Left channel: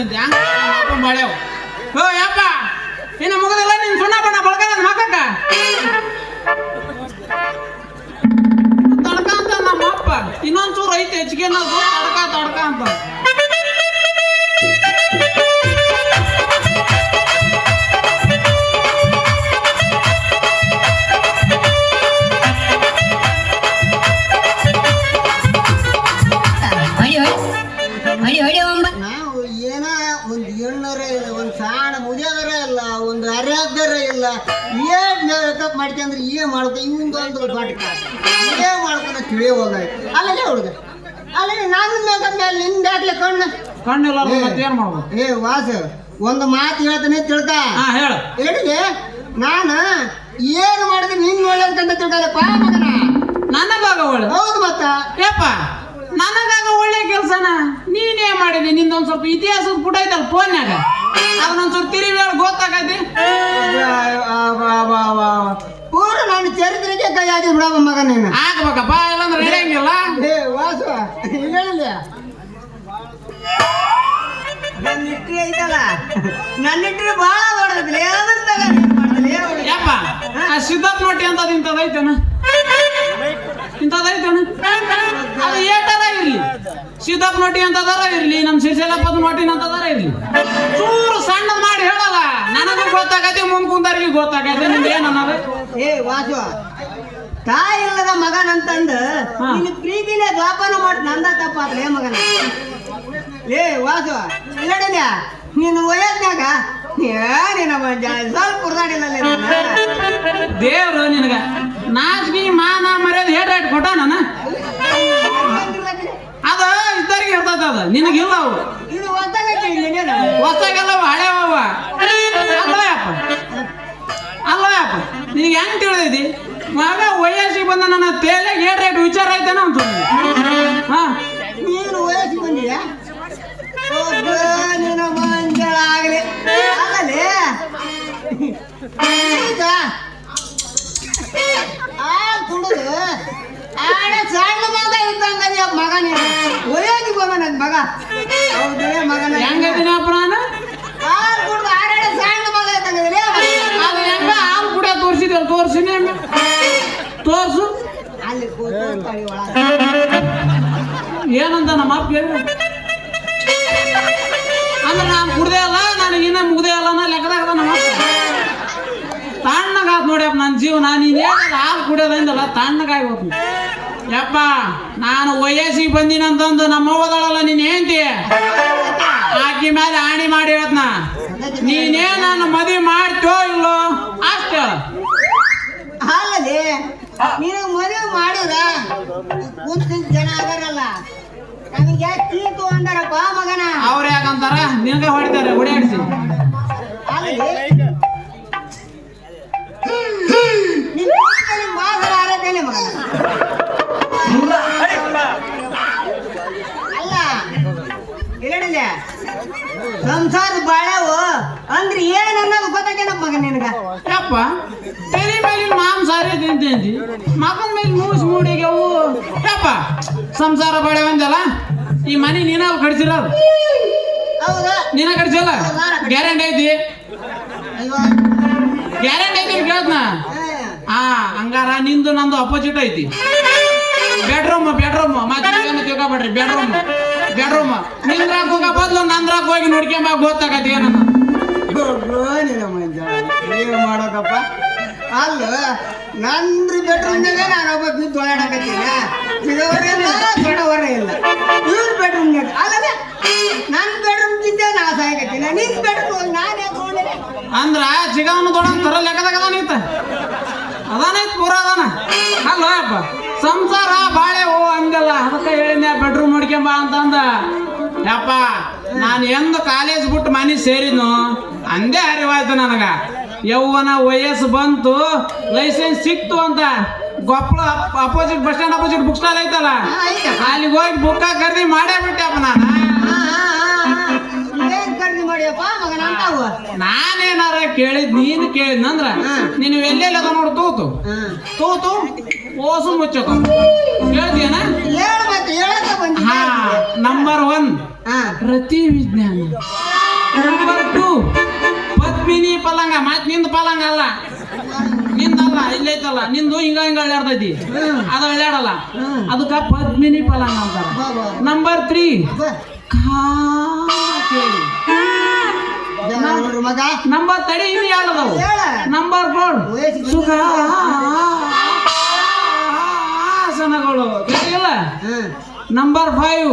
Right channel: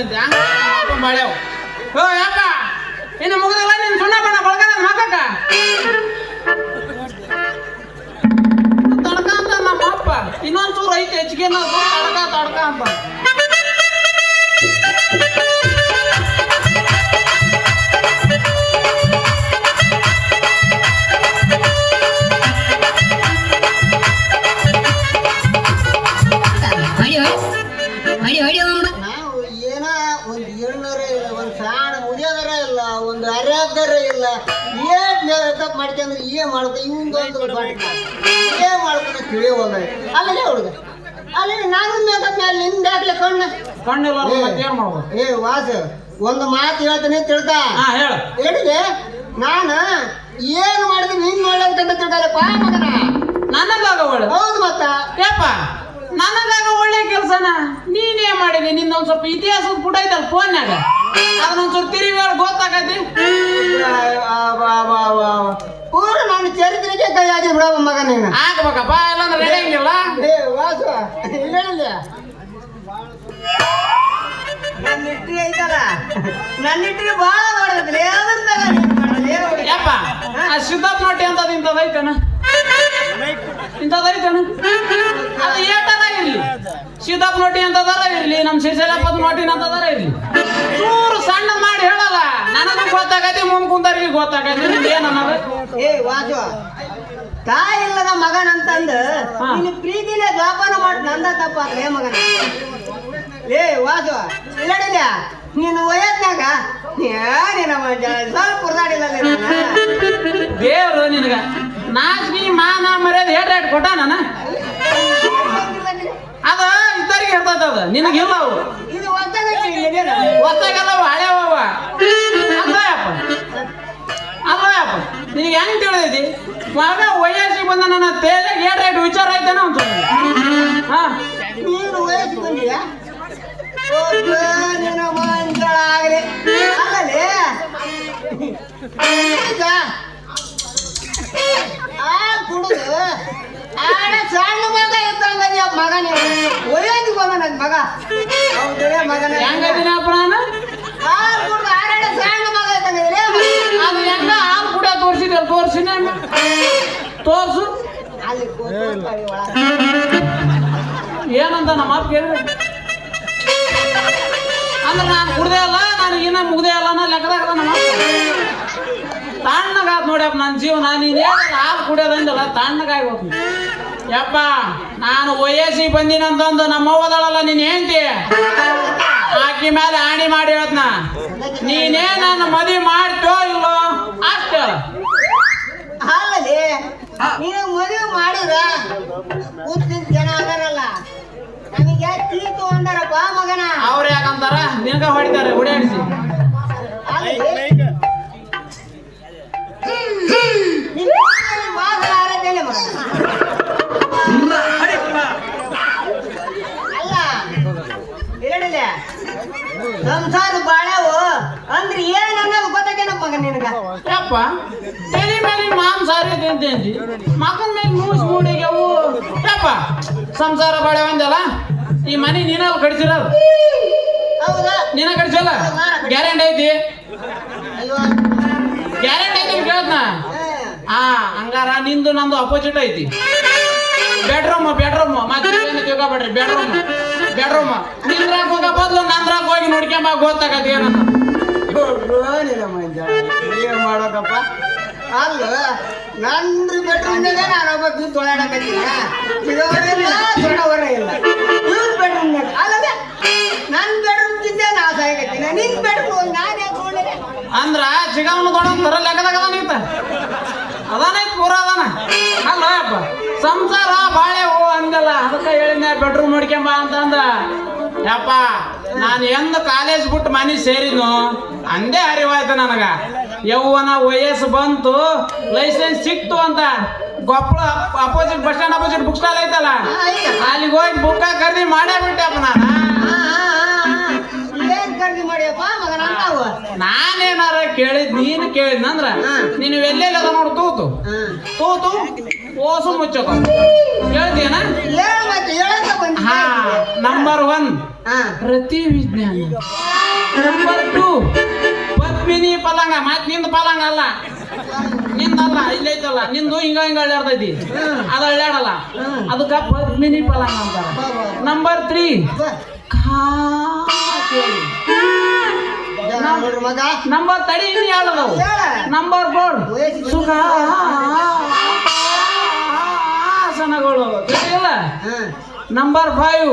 ಬಂದಂತೆ ಹಂಗ ಮಾಡ್ಯಾವ. ಓ ಯಪ್ಪ ಇನ್ನು ಮುಗದಲ್ಲ ನೀನ್ ಸುಣ್ಣ ಬಣ್ಣ ಬಳಗದ ಮಕ್ಕಕ್ಕ ತಡ್ಕ ಅಂತ ನಮ್ಮ ಅಪ್ಪ ಇನ್ನೊಂದ್ಸೂರು ಐತೆ ಹೆಚ್ಚಿಗೆ ತಡ್ಕ ಅಂತ. ನಾವು ಏನ ಒಂದು ಏಳ್ನರ ಇಲ್ಲ, ಒಂದು ಸಾಣ ಮುಗಿಯೋದರ ಇಲ್ಲ, ಒಂದು ಅರ್ಯಾದರ ಇಲ್ಲ. ಏನ್ ಮೇಕಪ್ ಮಾಡ್ಕೊಂಡ್ರೆ ಏನ್ ಮಾಡ್ಕೊ ಇವಂದು ಏನ್ ಮಾಡ್ಕೊಂಡು ತಿಳಿಯೋಲ್ಲ. ಅಲ್ಲೇ ಹುಡುಗ ಅಲ್ಲೇ ನಾನು ಮೇಕಪ್ ಮೇಲೆ ನಿಂದಾಗ್ಲಿ ಕಣ್ಣಿಲ್ಲ ಏನ್ ಮಾಡೋದು? ಏ ವಾಸ ಒಂದು ಮಾತು ಹೇಳ್ತೀನಿ ತಿಳ್ಕ. ಹೇಳ ಹೇಳಿದೆ ನಾನು ಏನ್ ಮಾಡಿದ್ರೆ ನಿನ್ ಒಳ್ಳೆಂತ ತಿಳ್ಕಲ್ಲಪ್ಪ ಮಗನ. ನನ್ನ ಭಾಗ ಒಳ್ಳೆ ಹೌದು ಮತ್ತ ಯಪ್ಪ ನನಗಾಗ ಒಳ್ಳೆ ಕೆಲಸನ ನೀನೇ ಮಾಡಿದಿ. ನಿಂದೊಂದ್ ಸ್ವಲ್ಪ ಇತಿಹಾಸದ ಪುಟ ಐತಲ್ಲ ಫೋನ್ಯಾಗ ಅದನ್ನೊಂದ್ ಸ್ವಲ್ಪ ತಿರಿ ಮೇಲೆ ಗೊತ್ತಾಗತಿ. ಪೂರ ನಾನು ಚರಿತ್ರೆಗೆ ಕೈ ಹಾಕಿ ಬಿಡವ ಮಗ ನೀನು. ಆಗ್ಬೇಕಪ್ಪ ಇಲ್ಲಾಂದ್ರೆ ನಡೆಯಂಗಿಲ್ಲ. ಏ ವಾಸ ಹೇಳಿಲ್ಲ ನನ್ನ ಇಟ್ಟಿ ಐತಲ್ಲ, ನನ್ನ ಇಟ್ಟಿಗೆ ಭಾಳ ಮಾಡೋದಿಲ್ಲ ಯಪ್ಪ ಸಿದ್ದಪ್ಪ ನಟ್ಟಿ ಅಂತದ ಇಂಥದೈತೇನ ಇಂಥದೈತೇನ ಅದು ಏಟದ ಇರ್ಲಿ. ಸಿದ್ದಪ್ಪ ನಟ್ಟಿ ಅಂತದಾರ ಇರ್ಲಿ, ನಮ್ಮ ಶಿಶಲಪ್ಪದ ನಟ್ಟಿನ ಅಂತದಾರ ಇರ್ಲಿ, ಮೂರು ಸಣ್ಣ ಮಾಡಿ ಹೇಳಲ್ಲ. ನನಗೂ ಗೊತ್ತಾಗತಿ ಮುಂದ್ ಕುಂದರ್ಗಿ ಗೊತ್ತಾಗತಿ. ನಿಮ್ಗೆ ಏನನ್ನೋದು? ಏ ವಾಸು ತಾಯಿ ಇಲ್ಲದ ಮಗನಂತಂದು ನಿನ್ನ ಪ್ರೀತಿಲೇ ದ್ವಾಪನ ಮಾಡಿ ನಂದ ತಪ್ಪಾದ್ರೆ ಮಗನ. ಏ ವಾಸು ಇಲ್ಲ ನೀನು ವಯಸ್ಸಿನಾಗ ಏನಿನ ಸ್ವಲ್ಪ ಕುರ್ದಾಡಿಲ್ಲ ದೇವ್ರು ನಿನಗ ನಾಚಿಗೆ ಮಾನ ಮರ್ಯಾದೆ ಹೇಟ್ ಹೇಟ್ ಕೊಟ್ಟ ನಾನು ಅದ ಇದ್ದರಿಗೆ ಇರ್ತದ. ಅದ ನಿನಗಿಲ್ಲ ಅವು ಇದು ಹೊತ್ತಾಗೈತಿ ಹೊಸ್ತಾಗಲ್ಲ ಅವು ಹಳೆವವ. ಅಲ್ಲಯಪ್ಪ ನಿನಗೆ ಹೆಂಗ್ ತಿಳಿದೈತಿ? ಮಗ ವಯಸ್ಸಿಗೆ ಬಂದ ನನ್ನ ತೇಲೆಗೆ ಏಟ್ ರೇಟ್ ವಿಚಾರ ಐತೇನೋ ಅಂತ. ನೀನು ವಯಸ್ಸಿಗೆ ಬಂದಿಯಾ ಒಬ್ಬ ನಿನ್ನ ಮಂಜಳ ಆಗಲಿ ಅಲ್ಲೇ ಆ ಕುಡುದು ಆಡ ಸಣ್ಣ ಮಗ ಇದ್ದಂಗ ಮಗ ನೀನು ವಯಸ್ಸಿಗೆ ಬಂದ ನನ್ನ ಮಗ. ಹೌದೇ ಮಗನ ಹೆಂಗದಿನಪ್ಪ ನಾನು ಹಾಲು ಕುಡ್ದು ಆಡ ಸಣ್ಣ ಮಗ ಇದ್ದಂಗ ಅದು ಹೆಂಗ ಹಾಲು ಕೂಡ ತೋರಿಸಿದೆ ತೋರಿಸಿ ತೋರ್ಸು ಅಲ್ಲಿ ಏನಂತ ನಮ್ಮ ಅಪ್ಪ ಹೇಳಿದ್ರು ಅಂದ್ರೆ ನಾನು ಕುಡ್ದೇ ಅಲ್ಲ ನನಗಿನ್ನ ಮುಗ್ದೇ ಅಲ್ಲ ಅನ್ನೋ ಲೆಕ್ಕದಾಗ ತಣ್ಣಗಾತ್ ನೋಡ್ಯಪ್ಪ ನನ್ನ ಜೀವನ. ನೀನು ಹಾಲು ಕುಡಿಯೋದಂದಲ್ಲ ತಣ್ಣಗಾಗಿ ಹೋಗ್ತೀನಿ ಯಪ್ಪ. ನಾನು ವಯಸ್ಸಿಗೆ ಬಂದಿನಂತಂದು ನಮ್ಮ ಅವ್ವದಳಲ್ಲ ನೀನು ಹೇಳ್ತಿ ಆಕಿ ಮೇಲೆ ಆಣಿ ಮಾಡಿ ಹೇಳ್ತನ ನೀನೇ ನನ್ನ ಮದುವೆ ಮಾಡ್ತೋ ಇಲ್ಲೋ ಅಷ್ಟೇ. ಅಲ್ಲದೆ ನೀನು ಮದುವೆ ಮಾಡಿದ ಕೂತಿದ್ದ ಜನ ಅದಾರಲ್ಲ ನಮಗೆ ತೀರ್ತು ಅಂದಾರಪ್ಪ ಮಗನ. ಅವ್ರ ಯಾಕಂತಾರ ನಿನ್ಗ ಹೊಡಿತಾರೆ ಹುಡಿಯಾಡಿಸಿ. ಅಲ್ಲ ಹೇಳಿಲ್ಲ ಸಂಸಾರ ಬಾಳವು ಅಂದ್ರೆ ಏನನ್ನೋದು ಗೊತ್ತಾಗೇನಪ್ಪ ಮಗ ನಿನಗ. ಯಪ್ಪ ತಲೆ ಮೇಲೆ ಮಾಂಸಾರಿ ತಿಂತೇಂತಿ ಮಗನ ಮೇಲೆ ಮೂಸ್ ಮೂಡಿಗೆವು ಯಪ್ಪ ಸಂಸಾರ ಬಾಳೆ ಒಂದಲ್ಲ. ಈ ಮನೆ ನೀನಲ್ಲಿ ಕಡಿಸಿರೋದು ಹೌದಾ ನೀನ ಕಡಿಸಲ್ಲ ಗ್ಯಾರಂಟಿ ಐತಿ ಗ್ಯಾರಂಟಿ ಐತಿ ಕೇಳ್ತನ. ಹಂಗಾರ ನಿಂದು ನಂದು ಅಪೋಸಿಟ್ ಐತಿ. ಬೆಡ್ರೂಮ್ ಮತ್ತೆ ತಿಳ್ಕೊಬೇಡ್ರಿ. ಬೆಡ್ರೂಮ್ ನಿಂದ್ರಾಗ ಹೋಗ ಬದ್ಲು ನಂದ್ರಾಗ ಹೋಗಿ ನೋಡ್ಕೊಂಬ ಗೊತ್ತಾಗತ್ತೆ ಏನಂತ. ಏನ್ ಮಾಡಕಪ್ಪ ಅಲ್ಲ ನಂದ್ರ ಬೆಡ್ರೂಮ್ನಾಗ ನಾನೊಬ್ಬ ಬಿದ್ದು ಓಡಾಡಕತ್ತೀನ ಚಿಗವರಿಲ್ಲ ದೊಡ್ಡವರ ಇಲ್ಲ ಇವ್ರ ಬೆಡ್ರೂಮ್ನಾಗ ಅಲ್ಲದೆ ನನ್ನ ಬೆಡ್ರೂಮ್ ತಿಂದೆ ನಾ ಸಾಯಕತ್ತೀನ ನಿನ್ ಬೆಡ್ರೂಮ್ ನಾನೇ ಕೂಡಲೇ ಅಂದ್ರ ಚಿಗವನ ದೊಡ್ಡ ತೊರ ಲೆಕ್ಕದಾಗ ಅದಾನಿತ್ತ ಅದಾನೈತ್ ಪೂರ ಅದಾನ. ಅಲ್ಲಪ್ಪ ಸಂಸಾರ ಬಾಳೆ ಹೋ ಅಂದಿಲ್ಲ ಅದಕ್ಕೆ ಹೇಳಿದ್ನೆ ಬೆಡ್ರೂಮ್ ನೋಡ್ಕೊಂಬ ಅಂತಂದ. ಯಪ್ಪ ನಾನು ಎಂದು ಕಾಲೇಜ್ ಬಿಟ್ಟು ಮನೆ ಸೇರಿದ್ನು ಅಂದೇ ಅರಿವಾಯ್ತು ನನಗ. ಯೌವನ ವಯಸ್ಸು ಬಂತು ಲೈಸೆನ್ಸ್ ಸಿಕ್ತು ಅಂತ ಗೊಪ್ಪಳ opposite bus stand opposite book stall ಐತಲ್ಲ ಅಲ್ಲಿಗೆ ಹೋಗಿ ಬುಕ್ಕ ಖರೀದಿ ಮಾಡೇ ಬಿಟ್ಟೆಪ್ಪ ನಾನು. ಖರೀದಿ ಮಾಡಿಯಪ್ಪ ಮಗನ ನಾನೇನಾರ ಕೇಳಿದ್ ನೀನು ಕೇಳಿದ್ನಂದ್ರ ನೀನು ಎಲ್ಲೆಲ್ಲ ನೋಡು ತೂತು ಓಸು ಮುಚ್ಚೋದು ಹೇಳ್ತೀಯನ. ನಂಬರ್ 1 ರತಿ ವಿಜ್ಞಾನ ಅಳ್ಳಾಡ್ತೈತಿ ಅದು ಅಳ್ಳಾಡಲ್ಲ ಅದಕ್ಕ ಪದ್ಮಿನಿ ಪಲಾಂಗ ಅಂತಾರ. ನಂಬರ್ 3 ಮಗ ನಂಬರ್ ತಡಿ ಇನ್ನು ಯಾವ್ದವು. ನಂಬರ್ 4 ಸುಖ ಆಸನಗಳು ಇಲ್ಲ. ನಂಬರ್ 5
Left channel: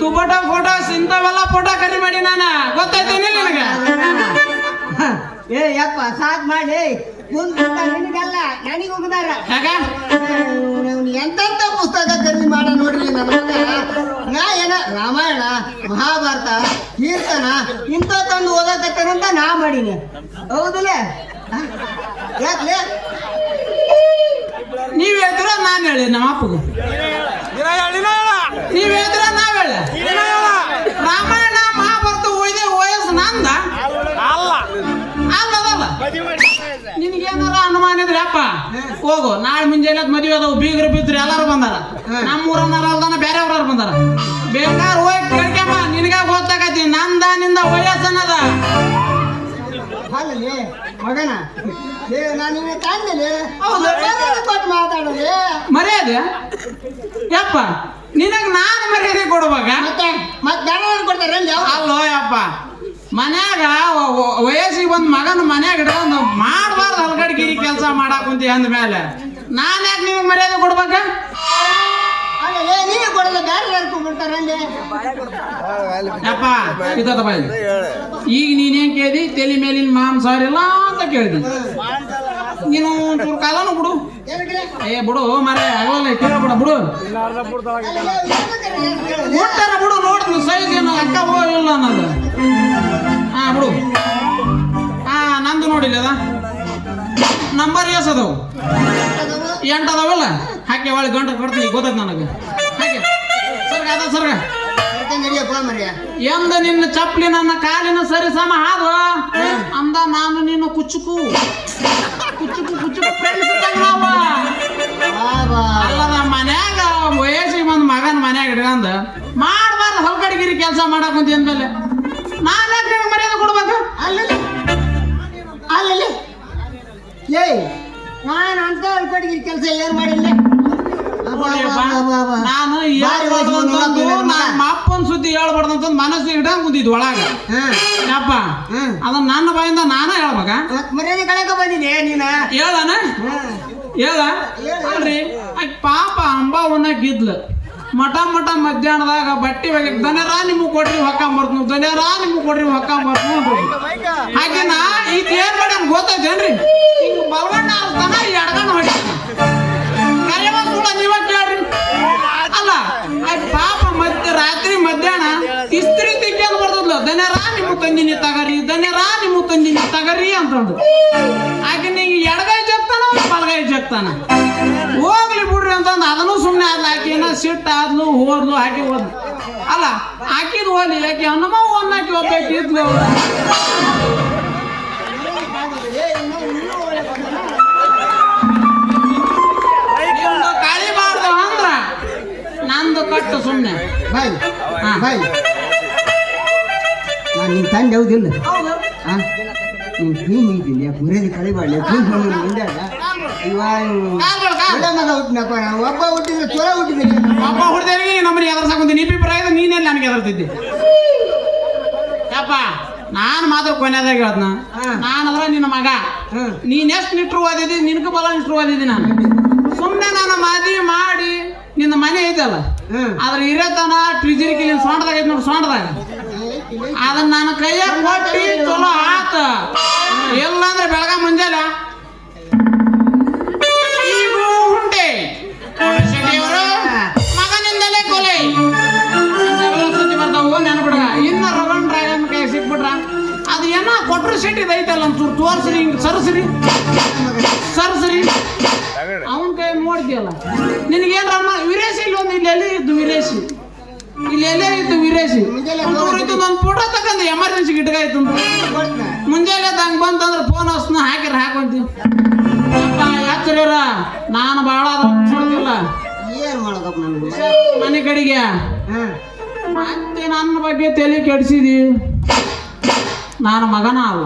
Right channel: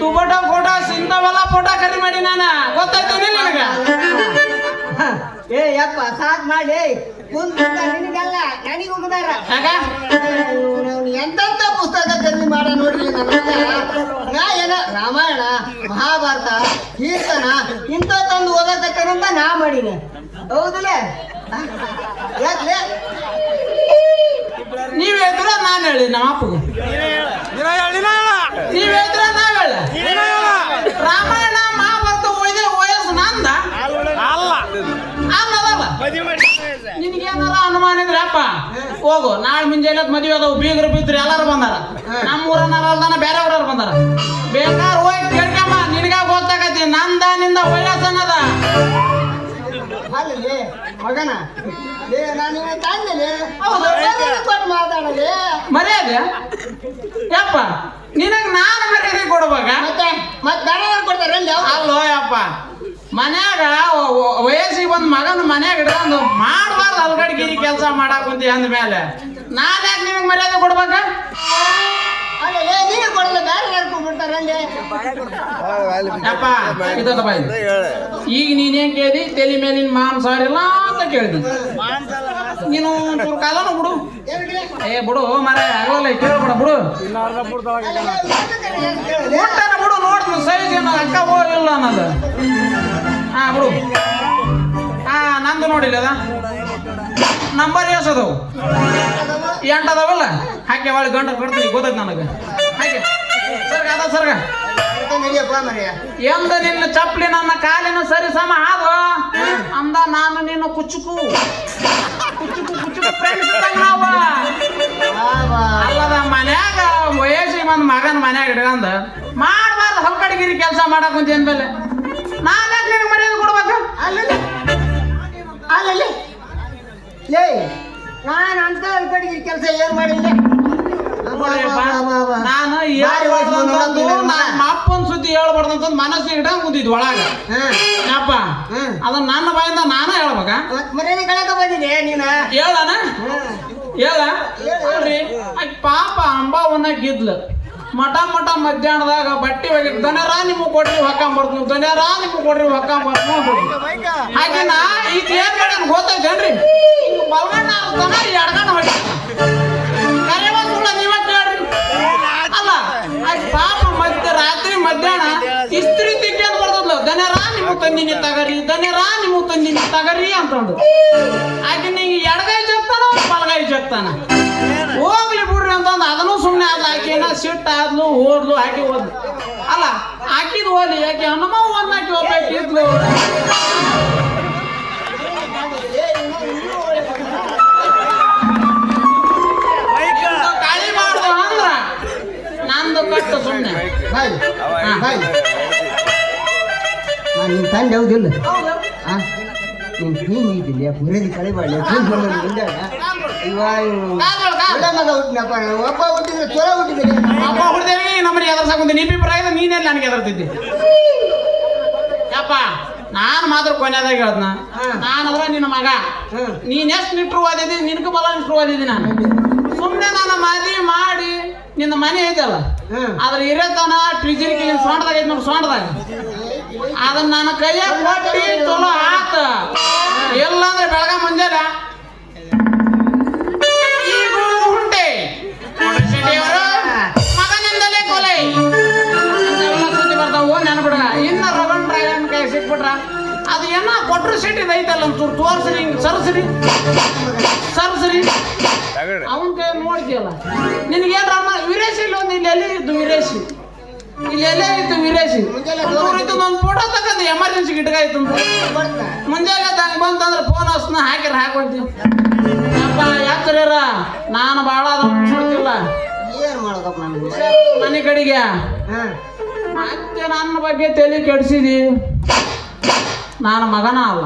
ತುಬಟ ಫೋಟೋ ಇಂಥವೆಲ್ಲ ಫೋಟೋ ಕರಿ ಮಾಡಿ ನಾನು ಗೊತ್ತಾಯ್ತೇನೆ ನಿನಗ. ಏ ಯಪ್ಪ ಸಾಕ್ ಮಾಡಿ ನಿನಗಲ್ಲ ನನಗೆ ಹೋಗದಾರ ಯಾಕ ಎಂತೆಂತ ಪುಸ್ತಕ ಖರೀದಿ ಮಾಡಿ ನೋಡ್ರಿ ನಾ ಏನ ರಾಮಾಯಣ ಮಹಾಭಾರತ ಕೀರ್ತನ ಇಂಥ ತಂದು ಓದತಕ್ಕಂತ ನಾ ಮಾಡೀನಿ ಹೌದಲ್ಲ ಯಾಕ್ಲೆ ನೀವ್ ಹೇಳಿದ್ರ ನಾನು ಹೇಳಿ ನಮ್ಮ ಅಪ್ಪಗೂ ನೀವ್ ಹೇಳಿದ್ರ ನಾವ್ ಹೇಳ ರಾಮಾಯಣ ಮಹಾಭಾರತ ಓದಿದೆ ವಯಸ್ಸು ನಂದ ಅಲ್ಲ ನಿನ್ಗೇನಾರ ಅನುಮಾನ ಇದ್ರೆ ಅಪ್ಪ ಹೋಗು ನಾಳೆ ಮುಂಜಾನೆ ಮದುವೆ ಅದಾವು ಬೀಗರು ಬಿದ್ರು ಎಲ್ಲರೂ ಬಂದಾರ ನಮ್ಮೂರನ್ನಾರ ಬೇರೆ ಊರವ್ರು ಬಂದಾರ ಬೇಕಾದ್ರೆ ಹೋಗಿ ಕೇಳ್ಕಮ್ಮ ನಿನಗ ಗೊತ್ತಾಗತಿ ನಂದ ನಿಂದ ವಯಸ್ಸನ್ನದ ಅಲ್ಲೇ ಮಗನ ನಾನು ಕಾಣ್ತೇನೆ ಮಾತಾಡಲೇ ಮರ್ಯಾದೆ ಯಪ್ಪ ನಿನಗ್ ನಾನು ಮರ್ಯಾದೆ ಕೊಡ್ಬೇಕ ಮತ್ತೆ ಬೇರೆ ಕೊಡ್ತಾರೆ ಅಲ್ಲೋ ಯಪ್ಪ ಮನ್ಯಾಗ ವಯಸ್ಸಿಗೆ ಬಂದ್ ಮಗನ ಮನ್ಯಾಗ ಇಟ್ಕೊಂಡು ಮಾಡಬಾರ್ದು ಅಲ್ಗಡ್ಗಿರಿ ಕೆಲಸ ಮಾಡಾಕುಂತಿ ಅಂದ್ಮೇಲೆ ನಾನು ಯಾಕೆ ನಿನಗೆ ಮರ್ಯಾದೆ ಕೊಡ್ಬೇಕ ನೀನು ಕೊಡಲ್ಲ ಬೇರೆ ಯಾರು ಕೊಡ್ಬಿಡ್ತಾರೆ ಯಪ್ಪ ಇದ್ದದ ಬಾಯಿ ಈಗ ನೀನೇನ್ ಕೇಳಿದಿ ತಲೆ ಮೇಲಿನ ಮಾಂಸಾರಿಲ್ಲ ಅಂತ ಕೇಳಿದಿ ನೀನು ಕಾಲನು ಬಿಡು ಏ ಬಿಡು ಮರ ಆಗಲ್ಲ ಕೇಳ್ಬಿಡ ಬಿಡು ಊಟಾರ ಬಿಡು ನೋಡ್ತೀನಿ ಸೈಜ್ ಏನು ಅಕ್ಕ ಹೋಗಲಿಲ್ಲ ಅನ್ನೋದು ಹಾ ಬಿಡು ಹಾ ನಂದು ನೋಡಿಲ್ಲ ಅದ ನಂಬರ್ ಎಸದು 8 ಅದಾವಲ್ಲ ಹಾಕಿ ಒಳಗೆ ಗಂಟೆ ಕೊಡ್ತೀನಿ ಗೊತ್ತದ ನನಗೆ ಹಾಗೆ ಸರ್ಗ ಅದ ಸರ್ಗ ಎಂದ ನಿನ್ನ ಚಪ್ಪಲಿ ನನ್ನ ಕಾಲಿನ ಸರಿ ಸಮ ಹಾದು ಅಂದ ನಾನು ನಿನ್ನ ಕುಚ್ಚುಕು ಫ್ರೆಂಡ್ಸ್ ನಾವು ಅಲ್ಲದ ಮನ್ಯಾಗ ವಯಸ್ಸಿಗೆ ಬಂದ್ ಮಗನ ಮನ್ಯಾಗ ಇಟ್ಕೊಂಡ ಮಾಡಬಾರ್ದು ಹೊಲ್ಕಡಿಗಿರಿ ಕೆಲಸ ಮಾಡಕ್ ಅಂತ ಏನ್ಮೇಲೆ ನಾನೇ ನಿನಗೆ ಮರ್ಯಾದೆ ಕೊಡ್ಬೇಕು ಅಲ್ಲಲ್ಲಿ ಏಯ್ ನಾನು ಅಂತ ಕಡೆಗೆ ಕೆಲಸ ಏನ್ ಮಾಡಿಲ್ಲ ನಾನು ನಮ್ಮ ಅಪ್ಪನ ಸುದ್ದಿ ಹೇಳ್ಬಾರ್ದಂತ ಮನಸ್ಸಿಗೆ ಇಟ್ಕೊಂಡ್ ಕುಂತಿದ್ ಒಳಗ ಯಪ್ಪ ಅದನ್ನ ನನ್ನ ಬಾಯಿಂದ ನಾನು ಹೇಳ್ಬೇಕ ಮರ್ಯಾದೆ ಕಳಕ ಬಂದಿದೆ ನೀನ ಹೇಳಣ ಹೇಳ್ರಿ ಪಾಪ ಅಂಬಾವನ್ನ ಗಿದ್ಲು ಮಠ ಮಧ್ಯಾಹ್ನದಾಗ ಬಟ್ಟೆ ಒಳಗೆ ದನರಾ ನಿಮ್ಗೆ ಕೊಟ್ರಿ ಹೊಕ್ಕೊಂಬರ್ತೀನಿ ದನರಾ ನಿಮ್ಗೆ ಕೊಟ್ರಿ ಹೊಕ್ಕೊಂಬರ್ತೀನಿ ಹಾಗೆ ನಾ ಈಗ ಏನ್ ಮಾಡಿ ಗೊತ್ತೈತೇನ್ರಿ ಹಿಂಗ ಬಲವಣ್ಣ ದನ ಎಡ್ಗಣ್ಣ ಹೊಡಿ ನೀವೇ ಕೇಳ್ರಿ ಅಲ್ಲ ಪಾಪ ರಾತ್ರಿ ಮಧ್ಯಾಹ್ನ ಇಸ್ತ್ರಿ ತಿಕ್ಕೊಂಡು ಬರ್ತದ್ಲ ದನರಾ ನಿಮ್ಗೆ ತಂದಿನಿ ತಗರಿ ಅಂತಂದು ಆಕೆ ನಿಂಗೆ ಎಡಗೈ ಜಗ್ತಾನ ಬಲಗೈ ಜಗ್ತಾನ ಹೋಗ್ಲಿ ಬಿಡ್ರಿ ಅಂತಂದು ಅದನ್ನು ಸುಮ್ಮನೆ ಆದ್ಲು ಆಕೆನ ಸಿಟ್ಟು ಆದ್ಲು ಓದ್ಲು ಹಾಕಿ ಹೋದ್ಲು ಅಲ್ಲ ಹಾಕಿದ್ ಹೋಗ್ಲಿ ಯಾಕೆ ಹನುಮಾವ ಹಾಕಿ ಹೋಗ್ಬೇಕಿದ್ಲು ಕಾಳಿ ಮಾಡ್ದವ ಅಂದ್ರ ನಂದು ಕಟ್ಟು ಸುಮ್ಮನೆ ಬಾಯ್ ನಾನು ನಿನ್ನ ತಂದೆ ಹೌದಿಲ್ಲ ನೀನು ಕ್ಲೀನ್ ಇದ್ದೀನಿ ಮುರಿದಿ ಕಳಿಬಾಳೆ ಮುಂದಾಗ ಮಗ ಹುಟ್ಟಿನಪ್ಪ ಒಬ್ಬ ಹುಟ್ಟಿದ್ರೆ ಚೊರ ಹುಟ್ಟಿದ್ದೀನಿ ಒಬ್ಬ ಹುಡ್ದೇವಿ ನಮ್ಮನೆ ಎದರ್ಸಕೊಂತ ನಿಪ್ಪಿಪ್ರಾಯದ ನೀನೆಲ್ಲ ನನಗೆ ಎದರ್ತಿದ್ದೆ ಯಪ್ಪ ನಾನು ಮಾತ್ರ ಕೊನೆಯದಾಗ ಹೇಳ್ದನ ನಾನಂದ್ರ ನಿನ್ನ ಮಗ ನೀನ್ ಎಷ್ಟು ನಿಟ್ರು ಓದಿದ್ದಿ ನಿನ್ಗೂ ಬಲ ನಿಟ್ರು ಓದಿದ್ದಿ ನಾನು ಸುಮ್ಮನೆ ನಾನು ಮದುವೆ ಮಾಡಿ ನಿನ್ನ ಮನೆ ಐತಲ್ಲ ಅದ್ರ ಇರತನ ಟ್ರಿಜರಿಕೆ ಸೊಂಟದಾಗ ಐತಿ ನೋಡಿ ಸೊಂಟದಾಗ ಅದನ್ನ ನನ್ನ ಕೈಯಾಗ ಕೊಟ್ಟಿ ಚಲೋ ಆತ ಇಲ್ಲಾಂದ್ರೆ ಬೆಳಗ ಮುಂಜಾನೆ ಈಗ ಹುಂಟೆ ಮಗನಿಂದಲೇ ಕೊಲೆ ಸುದ್ದಿ ಬರ್ತಾವ ನೆನಪಿಡ ಇನ್ನು ರವಣ್ ಡ್ರಾಗನ್ ಕೈ ಸಿಕ್ಬಿಟ್ರ ಅದು ಏನೋ ಕೊಟ್ರು ಶೆಟ್ಟಿದ್ ಐತಲ್ಲ ಒಂಚೂರು ತೋರ್ಸ್ರಿ ಹಿಂಗ್ ಸರ್ಸ್ರಿ ಅವನ ಕೈ ನೋಡ್ತೀಯಲ್ಲ ನಿನಗೇನ ವಿರೇಶಿ ಇಲ್ಲ ಒಂದು ಇಲ್ಲಿ ಎಲ್ಲೇ ಇದ್ದು ವಿರೇಶಿ ಒಂದು ಫೋಟೋ ತಗೊಂಡು ಎಮರ್ಜೆನ್ಸಿಗೆ ಇಟ್ಕಾಯ್ತು ಮುಂಜಾನೆ ಹಂಗೆ ಬಂತಂದ್ರೆ ಫೋನ್ ಹಸ್ನ ಹಾಕಿದ್ರೆ ಹಾಕೊಂತೀನಿ ಅಪ್ಪ ಯಾಕ್ರಿವ್ರ ನಾನು ಭಾಳ ನೋಡ್ತಿಲ್ಲ ಏನು ಮಾಡೋದಪ್ಪ ನನಗೆ ಮನೆ ಕಡೆಗೆ ಮತ್ತೆ ನನ್ನ ಬಗ್ಗೆ ತಲೆ ಕೆಡಿಸಿದಿ ನಾನು ಮಗನ ಅವ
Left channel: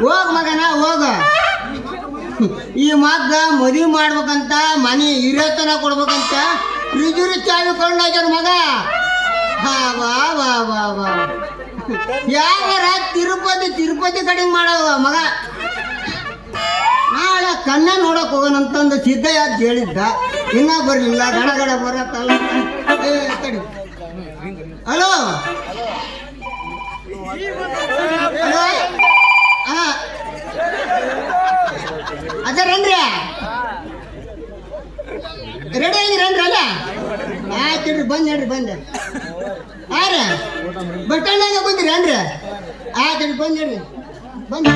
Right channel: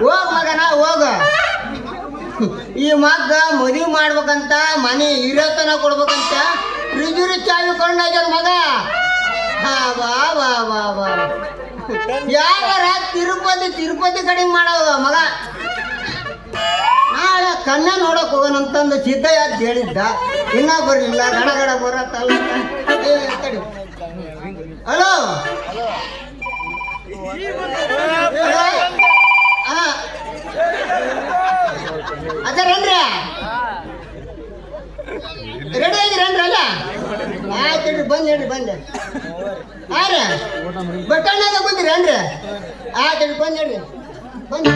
ಹೋಗ ಮಗನ ಹೋಗ. ಈ ಮಗ್ಗ ಮದುವೆ ಮಾಡ್ಬೇಕಂತ ಮನೆ ಹಿರಿಯತನ ಕೊಡ್ಬೇಕಂತ ಪ್ರಿಜುರಿ ಚಾವಿ ಕೊಂಡಾಗ್ಯಾರ ಮಗ. ಬಾ ಬಾ ಬಾ ಬಾ ಬಾ ಯಾವಾರ ತಿರುಪತಿ ಕಡಿಮೆ ಮಾಡವ ಮಗ. ನಾಳೆ ಕನ್ನ ನೋಡಕ್ ಹೋಗೋಣಂತಂದು ಸಿದ್ದಯ್ಯ ಅಂತ ಹೇಳಿದ್ದ, ಇನ್ನ ಬರ್ಲಿಲ್ಲ. ಗಡಗಡ ಬರತ್ತಲ್ಲ. ಹಲೋ ಅದೇನ್ರಿ ರೆಡಿ ಆಗಿರೇನ್ರಿ ಅಲ್ಲ? ಆಯ್ತು ಹೇಳ್ರಿ, ಬಂದ್ ಹೇಳ್ರಿ, ಬಂದೆ. ಹಾಂ ರೀ ಬಸ್ ಸ್ಟ್ಯಾಂಡಾಗ ಬಂದಿರಿ ಏನ್ರಿ? ಆಯ್ತು ಹೇಳ್ರಿ, ಬಂದ್ ಹೇಳ್ರಿ, ಬಂದ್.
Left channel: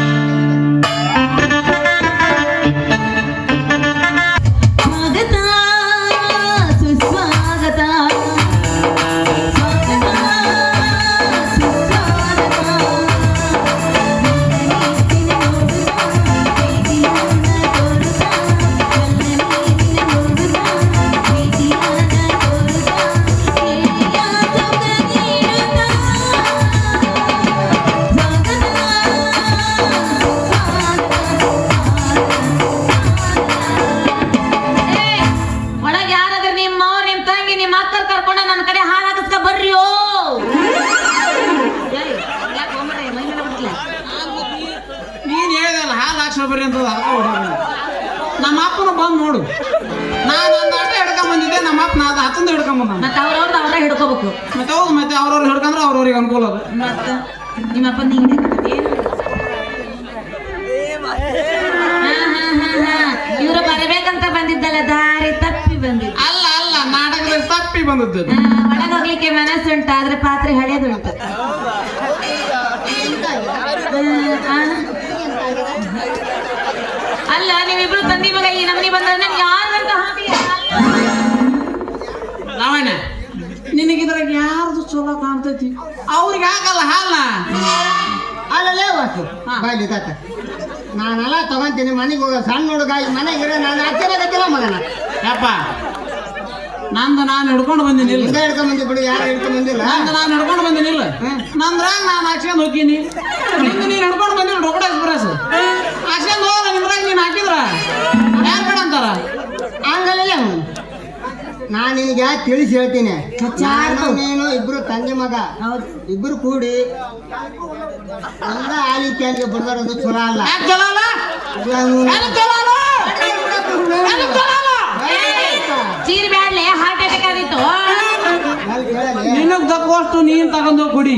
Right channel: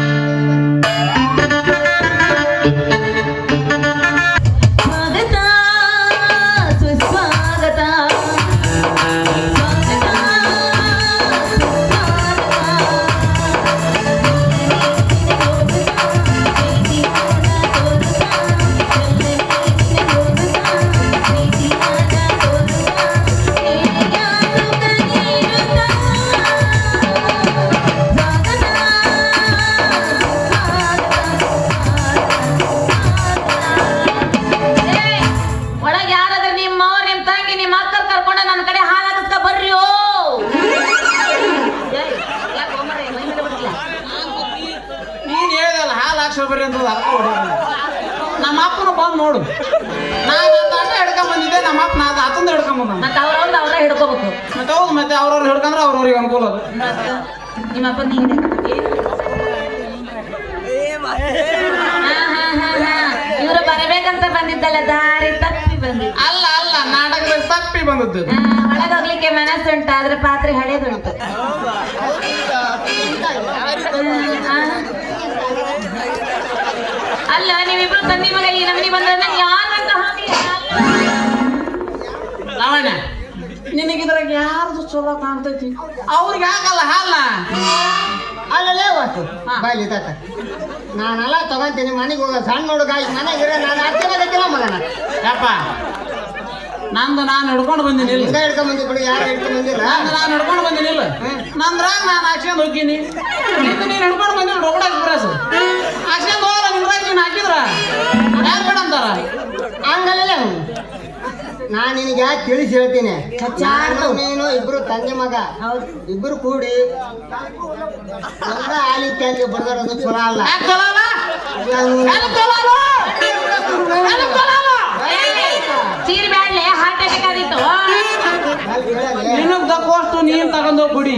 ನಮ್ಮ ಅಪ್ಪನ ಬಂದು ನೋಡು. ನಾನು ಒಂದು ಆಟ ಹಿಡ್ಕೊಂಡ್ ಬಂದಿದ್ದೆ, ನಮ್ಮ ಅಪ್ಪ ನಾನು ಹತ್ತಂದು ಹಿಡ್ಕೊಂಡ್ ಬಂದ. ಮತ್ತೆ ಅವರೇ ಹಿಡ್ಕೋಬೇಕು. ಮತ್ತೆ ಹೌದು, ಮತ್ತೆ ಅವ್ರವ್ರು ಹಿಡ್ಕೊಂಡ್ರೆ ಅವ್ರವ್ರಿಗೆ ಅನುಕೂಲ ಅದು. ಮತ್ತೆ ನಿಮ್ಮ ಅಪ್ಪ ನೀನು ಇವರು ಬರಬೇಕಂತ ಬಂದಿದ್ದಲ್ಲ, ದಾರಿ ತಪ್ಪಿ ಬಂದಿದ್ದ. ಅಲ್ಲ ಅಲ್ಲ, ನಾಟಕದಲ್ಲಿ ತಪ್ಪಿ ಬಂದದ್ದು. ಒಳಗೋಗ್ಲಿಕ್ಕೆ ಮನಸ್ಸುಂಟು, ಆದ್ರೆ ಪಾತ್ರೆ ಹಳೇದುಂಟು. ಅಲ್ಲ ನೀವಿಬ್ರು ತಂದಿ ಮಗ ಈ ನಮ್ನಿ ಬಂದ್ರೆ ನಂಗೆ ಯಾರಂತ ಲಾವಣ್ಯ, ನಿನಗಿದ್ರಾಗ ಯಾರ್ದು ಚಲೋ ಕಾಣ್ತೈತಿ? ಅವ್ರಿಗೆ ಆಗಲ್ಲ ಹಾಲ. ಅಲ್ಲಲ್ಲೇ ಹೋಗ್ತಿ ಬಾಯ್ಲಿ ತಾತ. ನಾನೆಲ್ಲ ತಗೊಂತೀನಿ ಮನೆಗೆ ಹೋಗ. ಸಣ್ಣ ಹುಡುಗ ಮನೆಗಿರೋ ನಾನು ಅಚ್ಚನೆ ಗೊತ್ತಿಲ್ಲ ಮಗನ. ಯಪ್ಪ, ನಂದು ನಾನು ಹಿಡ್ಕೊಂಡು ಬಂದಿನಿಲ್ಲ. ಹಿಂಗ ಹಿಡ್ಕೊಂಡ್ ಬಂದಿ ಬಿಡು, ಯಾರು ಹಿಡ್ಕೊಂಡ್ ಬಂದಿಲ್ಲ. ನಂದು ನಾನು ಹಿಡ್ಕೊಂಡು ಬಂದಿನಿಲ್ಲ. ನಂದ್ರಾಗ ನಾನು ಹಾಕ್ಸ್ಕೊಂಡು ಹೋಗ್ತೀನಿ. ನಿಂದು ನೀನು ಹಿಡ್ಕೊಂಡು ಬಂದಿಲ್ಲ. ರೊಗಡ ಎಕ್ಸ್ಪ್ರೆಸ್ ಹಾಕ್ಸ್ಕೊಂಡು ಹೋಗಲ್ಲ. ನಿಮ್ದ್ರಾಗ ನೀನು ಹಾಕಿದ್ರ ಯಾರು ಬೇಡ ಅಂತಾರ? ಹಂಗಲ್ಲ, ನಾನು ನಿನಗೆ ಯಾಕೆ ತಿಳಿಸಿ ಹೇಳ್ತೀನಿ. ನೀನು ಇಬ್ರು ತಂದೆ ಮಗ, ಇಬ್ರು ಕೂಡಿ ಎಲ್ಲ ಆಲಿಕ್ಕೆ ಅಂದ್ರೆ ಬರ್ದಾಡೋದು ಚಲೋ ಅಲ್ಲ. ಚೀರ್ ಬ್ಯಾಡ್ಲೆ ಹಾರ್ಟ್ ಅಟ್ಯಾಕ್ ಆದಿತ್ತು. ನಿನಗ್ ದಕ್ಕೋಷ್ಟು ನೀನ್ ತಗೊಂಡೋಗಿ ಕುಡಿ.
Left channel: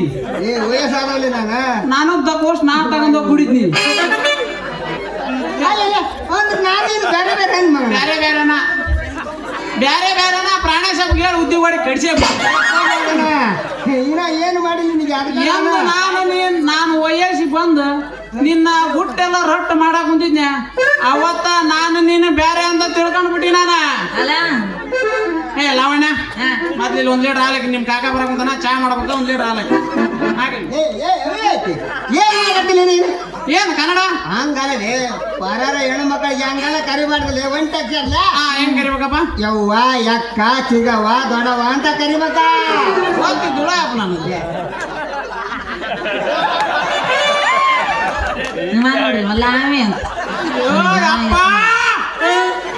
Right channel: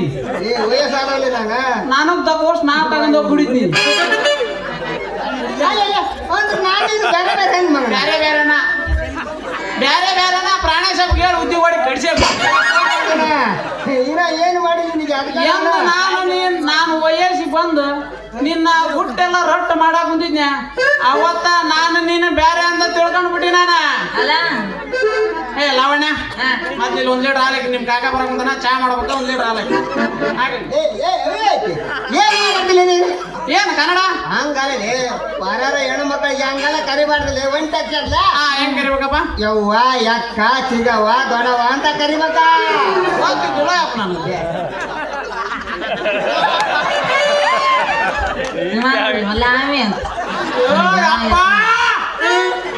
ವಯಸ್ಸಾಗಲ್ಲ ನನಗ್ ದಕ್ಕೋಷ್ಟು ನಾ ತಗೊಂಡೋಗಿ ಕುಡಿದ್ನಿ. ಬೇರೆ ಬೇರೆನ ಪ್ರಾಣ ಸ್ವಲ್ಪ ಹೇಳಿ ಉದ್ಯೋಗ ಮಾಡಿ ಕಡಿಸೇ ಇನ್ನ ಏನು ಮಾಡಿ ನಿನಗೆ ನಾನು ವಯಸ್ಸಿ ಬಂದು ನಿನ್ನ ಹುಟ್ಟೆಲ್ಲ ರೊಟ್ಟ ಮಾಡಕ್ ಕುಂತಿದ್ನೆ. ಅವತ್ತ ನಾನು ನೀನು ಬೇರೆ ಅಂತ ತಿಳ್ಕೊಂಡ್ಬಿಟ್ಟಿ ನಾನ. ಏ ಲಾವಣ್ಯ, ಮತ್ತೆ ಇಲ್ಲಿ 1 ಲೀಟರ್ ಹಾಲಕ್ಕೆ ನಿಮ್ ಕಾಕ ಬರಕಂತಾನ, ಚಾ ಮಾಡ್ಬೇಕು. 1 ಲೀಟರ್ ಹಾಲಕ್ಕೆ ಏನ್ ಕನ್ನಡ ಹಂಗಲ್ಲೇ ಬರಾರ ಹೆಣ್ಣು ಮಕ್ಕಳಿಗೆ ಹಂಗಲ್ಲ ಕರಿಬಾರ್ದಲ್ಲ. ವೆಂಟಲ್ಲ ಹೆಂಗ್ ಕರಿಬೇಕಪ್ಪ? ಯವ್ವ ಯಕ್ಕ ಚಿಗವ್ವ ದೊಡವ ಅಂತ ಕರಿಬೇಕ. ಓದ್ತಿದ್ದುಳ ಅಪ್ಪ ನಾನು.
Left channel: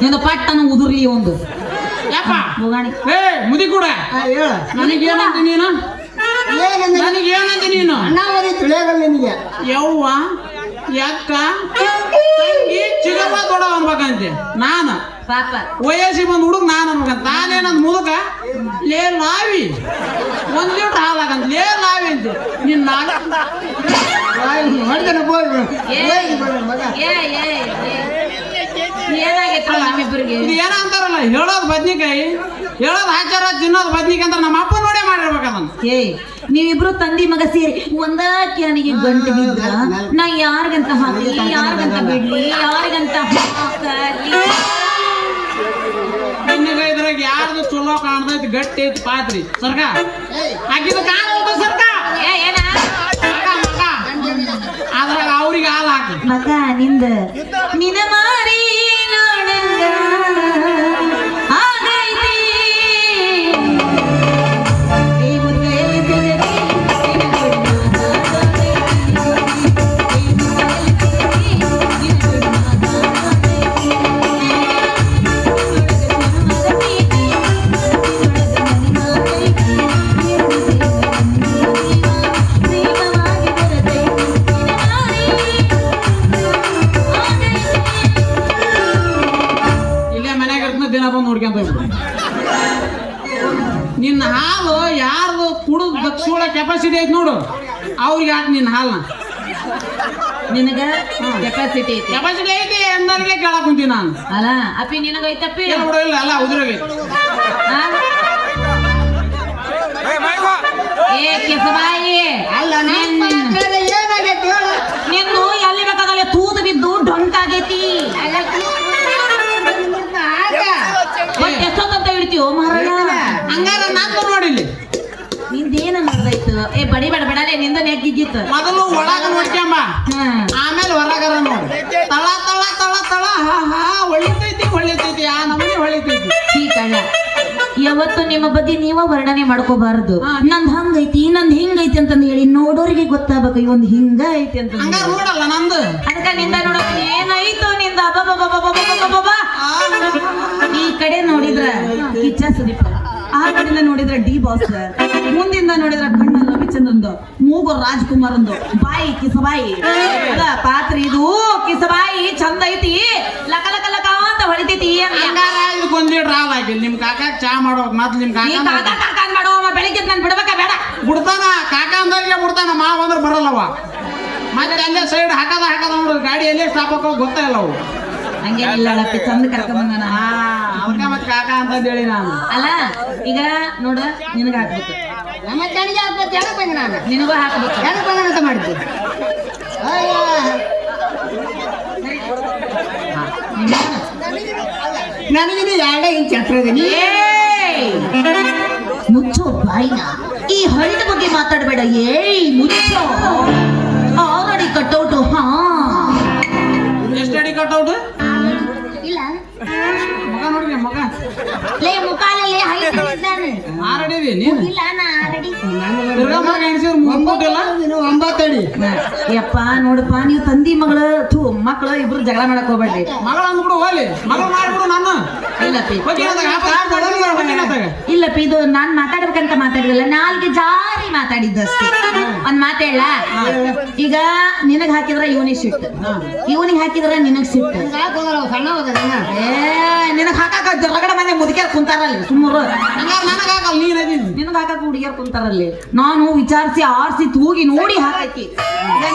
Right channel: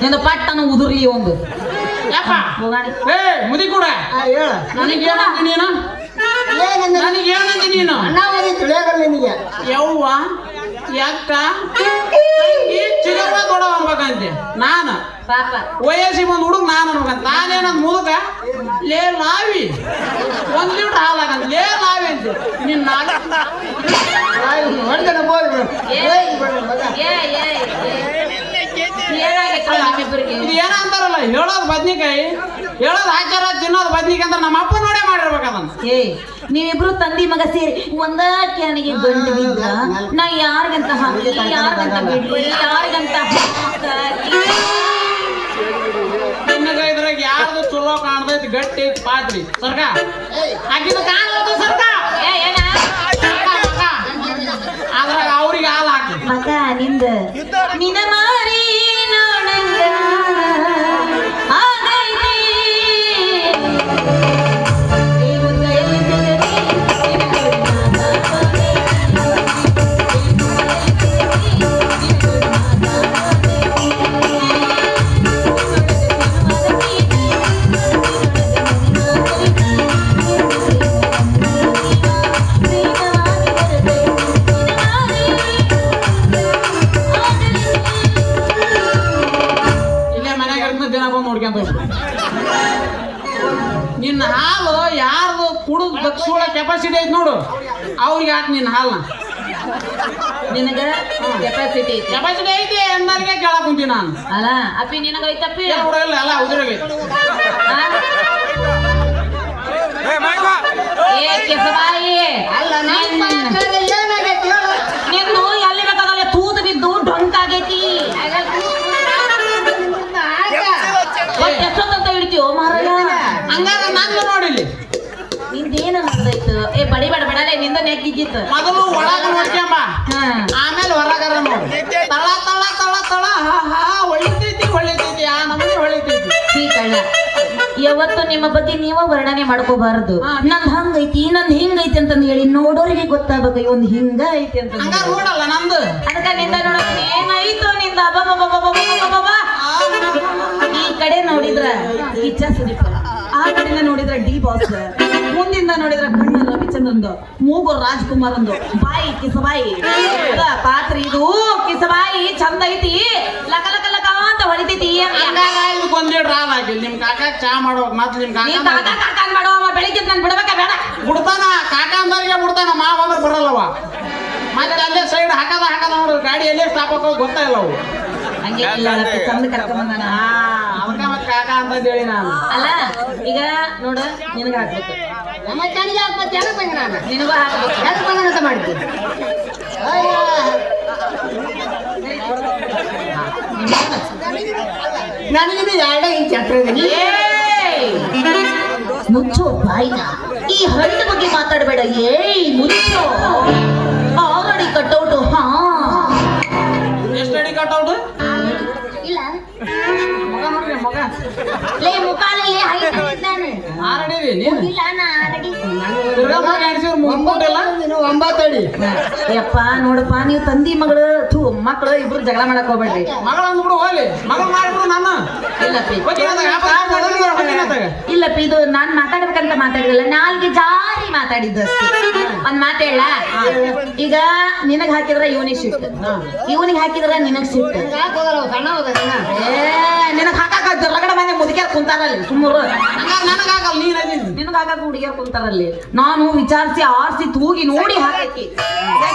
ನಿಂದು ಪಟ್ಟನ ಉದುರ್ಲಿ ಒಂದು ಮುದಿ ಕೂಡ ಹೇಳ ನನಗೇನಂತ ನೀನು? ನನಗೇನಂತ ನೀನು? ಅಣ್ಣಾವಧಿ ತಿಳಿಯಾಗಲ್ಲ ನಿನಗೆ. ಯವ್ವ ಯಾಕ ಚಿಗಪ್ಪ ದೊಡ್ಡ ಅನ್ಬೇಕಂತೆ ನಾನು. ಪಾಪ ವಯಸ್ಸಿಗೆ ಬಂದು ಹುಡುಗ ನಾನು ಅನ್ಬೇಕಂತ. ನಾನೇನಂತ ಮುದುಕ ಲೇ ಲಾವಿ 1 ಲೀಟರ್ ಹಾಲಾಗಂತ ಲೇ ಲಾವಿ ಅಂತ ನಿನ್ನ ಏನಾಗಿತ್ತು ನಮ್ಮಿಬ್ಬರಿಗೆ? ಇದು ಏನ ಅಂತಾರಲ್ಲ, ಹೇಳೋದು ಬದ್ನಿಕಾಯಿ, ಹೇಳೋದು ಆಚಾರ, ತಿನ್ನೋದು ಬದ್ನಿಕಾಯಿ ಅಂತ ನಮ್ಮ ಅಪ್ಪ ನೋಡೇ ಮಾಡಿರ್ಬೇಕು ಅದನ್ನ. ನೀವಿಬ್ರು ತಂದಿ ಮಗ ಸೇರಿ ಒಂದ ಕ್ಯಾನಿಗೆ ಗಂಟು ಬಿದ್ರ ನಾ ಯಾರಿಗಂತ ಹಾಕಿ, ಯಾರಿಗಂತ ಬಿಡ್ಲಿ, ಯಾರಿಗಂತ ನಿನ್ನಗ ಇದ್ರಾಗ ಯಾರ್ದು ಚಲೋ ಕಾಣ್ದೈತಿ, ಗಟ್ಟಿ ಐತಿ ಪಾತ್ರಿ ಸರ್ಕ ಹಾಕಿದ ಕಾಣ ಸರ್ಕ ಅದ್ರಾಗ ಅವ್ರಿಗೆ ಹಾಲು ಹಾಕಿ ಮಗ ನಿಂದ ನಿನ ಮಾರಿ ನೋಡಂಗ ಆಗೈತಿ. ಕೆಪಾಸಿಟಿ ಐತಿ ನೋಡು ಅವ್ರಿಗೆ ಹಾಕ್ ನಿನ್ನ ಹಾಲು ನಿನಗ ಕೆಪಾಸಿಟಿ ಐತಿ ಕೆಪಾಸಿಟಿ ಐತಿ ಅಂದರಿಗೆ ಕೇಳಕ್ ಕುಂತೀನಿ ನಾನು ಅಲ್ಲ ಅಪ್ಪಿ ನಿನಗೈತಪ್ಪಿ ಇಲ್ಲ ಅಲ್ಲ ಉದುರಿಗೆ ಏ ಕಿಸಬಾಯಿ ಅಲ್ಲ ಏನಾಗೈತಿ ಹೇಳು ನಿನ್ನು ಎಲ್ಲಿ ಬೇಕಾಗಲ್ಲ ತೂತು ಬಿದ್ದು ಡೊಂಕಾಗೈತಿ ಎಷ್ಟೊತ್ತಂತ ಹಿಡ್ತೀವೋ ಮಾರಾಯ ಹಂಗಾದ್ರೆ ನಾನು ನೋಡಿಲ್ಲಿ ನಿಂದೇನ ಮಾಡ್ದಾಯ್ತು ಏ ಬಡಿ ಬೇಡ ಬೇಡಲೇ ನಿಂದ ನೆಕ್ಕಿದ್ದಿತ್ತು ಮೊದಲು ಒಳಗ ನೋಡ್ಕೊಂಬ ಹ್ಮ್ ಆಮೇಲೆ ಹೊರಗರ ನೋಡು ತಳ ತಳ ತಳ ತಳ ಹಾ ಹಾ ಹೊಳಿತೈತಿ ಆ ನಮ್ಮನೆ ಹೊಳಿತೈತಿ ಈ ಕಳ್ಳ ಯಾವತ್ತು ನಿಮ್ಮ ಬಗ್ಗೆ ನೀವು ವರ್ಣನೆ ಮಾಡ್ಕೋಬಾರದು ನಂದ್ ಹಂಗೈತಿ ನಂದ್ ಹಿಂಗೈತಿ ಅಂತಂದ್ ಹೇಳಿ ನೋಡೋರಿಗೆ ಗೊತ್ತಾಗಬೇಕು ಇವನ್ ಹಿಂಗ ಐತಿ ಅಂತ ಹಂಗಾರ ನೋಡಲ್ಲ ನಂದು ಅದಕ್ಕೆ ನಿಂದ ನೋಡೋದು ಏನಾಯ್ತು ನಿಂದ ಅಬ್ಬಬ್ಬಬ್ಬಬ್ಬಬ್ಬಬ್ಬಬ್ಬ. ಈ ಕಡೆ ನೋಡಿದ್ರ ಕಿಚ್ಚ ಸುದೀಪ್ ಆ ಕಡೆನ ನೋಡಿದ್ರ ಡಿ ಬಾಸ್ ಮುಂದಿಂದ ನೋಡಿದ್ರ ಕಣ್ಣ ರವಿಚಂದ್ರಂದು ಮೂಗು ರಾಜ್ಕುಮಾರ್ ಅಂದು ಬಾಯಿ ಕಿಸಬಾಯಿ ಪಾತ್ರ ಇದು ಕಿಸಬಾಯಿ ಚಂದ ಐತಿ ಲಕ ಲಕ ಲಕ ಅಂತ ಹೊಡಿತೈತಿ ಹಂಗಾರ ಇದಕ್ಕೊಂದೇಟ್ ರಾಲ್ ಆಗಿಲ್ಲ ನಿಮ್ ಕಾಕಾಕ್ ಚಾ ಮಾಡ್ಬೇಕು ಮತ್ತೆ ನಿಮ್ ನೀ ಕಾಕ ಕಾಕ ಕಾಕ ಮಾಡೋ ಬೆಳಿಗ್ಗೆ ನಾನು ಬಿಡ್ಬೇಕಾ ಬೇಡ ಬಿಡ್ತಾನ ಕಾಕ ಅಂದವ್ರಿಗೆ ಬಿಡ್ತಾನ ಮಾವ ಅಂದ್ರೆ ಬರಲ್ಲವ ಮತ್ತೆ ಅಲ್ಲೇ ಸೈಡ್ ಹಾಕದ ನೋಡು ಗಾಡಿ ಎಲ್ಲೇ ಸ್ಟಾಪ್ ಹಾಕೋ ಗೊತ್ತಾಯಿಲ್ಲ ಅವು ಹಂಗೇನಿಲ್ಲ ಅಪ್ಪಿ ಚಂದ ಕರ್ಕೊಂಬಂದಾನ ಅದಕ್ಕ ಮತ್ತೆ ಕಾಕ ಅಂತ ಹೇಳಿ ನಾನು ಅಲ್ಲ ಈಗ ನೋಡ ನಿನಗ ಹಾಕ್ಬೇಕು ನಮ್ಮ ಕಡೆಗೆ ಹಾಕ್ಬೇಕು ಎಲ್ಲ ಬಂದ್ರೆ ನಾನು ನಿನಗೂ ಹಾಕ್ಬೇಕು ಎಲ್ಲ ಬಂದಂತ ಮಾಡ್ತೀನಿ ನನಗೆ ಎರಡೇ ಇಂಚ್ ಹತ್ರ ಇದೀನಿ ಮುಚ್ಚೋ ಬಾಯಿನ ಈ ಹಳ್ಳಿ ಬಗ್ಗೆ ಮಾತಾಡಬೇಡ ಏಯ್ ಮುಚ್ಚೋ ಆಲ್ರೆಡಿ ಕಟ್ಔಟ್ ಹಾ ಎಷ್ಟು ಅಡಿ ಕಟ್ಔಟ್ ಇಲ್ಲ ಮಗ ನೋಡ್ರಿ ಮಗ ಲೇ ಮುಖಾಲಲ್ಲಿ ಆರಡಿವಿ ನೀನು ಇಲ್ಲ ನಾ ಆಲ್ರೆಡಿ ಮುಂಬಟ್ಟಲ್ಲ 9 ಅಡಿ ಯಪ್ಪ ನೋಡಪ್ಪ ನೀವು ತಂದಿ ಮಗಳು ಮಕ್ಕಳು ಇಬ್ರು ಜಗಳ ಮಾಡಕ್ ಹೋಗ್ಬೇಡ್ರಿ ಮಗಳ ಅಂದ್ಬಿಡು ಹೋಲಿ ಮಗಳ ಮಾಡ್ಬಿಡು ನಾನು ಇಲ್ಲಪ್ಪಿ ಹೋಗಿನತ್ತಾಗ ಇಲ್ಲಪ್ಪ ಇದು ನಾನ್ ಮಾತಾಡ್ಬೇಕಂತ ಮಾತಾಡಿದಲ್ಲ ನಾಲ್ಗೆ ಜಾರಿ ಮಾತಾಡಿದ್ದಷ್ಟೇ ಒಂದ್ ಮಾತೇಳ ಈಗ ನಿನಗ್ ಹಾಕಿದ್ರ ಇವನಿಗೆ ಸಿಟ್ಟು ಇವನಿಗೆ ಹಾಕಿದ್ರ ನಿನಗ್ ಸಿಟ್ಟು ಯಾಕೆ ಹೋಗಲ್ಲ ಸಣ್ಣ ಹೋಗೋದನ್ನ ಏ ನಿನಗ್ ಹಾಕಾಕ ಹೊರಗಡೆ ಮಂದಿ ಮುದುಕ್ಯಾರ ಕುಂತಾರಲ್ಲಿ ಸುಮ್ಮರು ನನಗಾಗಲ್ಲ ನೀನ್ ಅದೀನಿ ನಿನಗ್ ಹಾಕಾಕ ಹುಡುಗಿಯರ್ ಕುಂತಾರಲ್ಲಿ ನಾನು ವಿಚಾರಿಸಿ ಆರಿಸಿ ತೂಗಿ ನೋಡಿ ಹಾಕಿ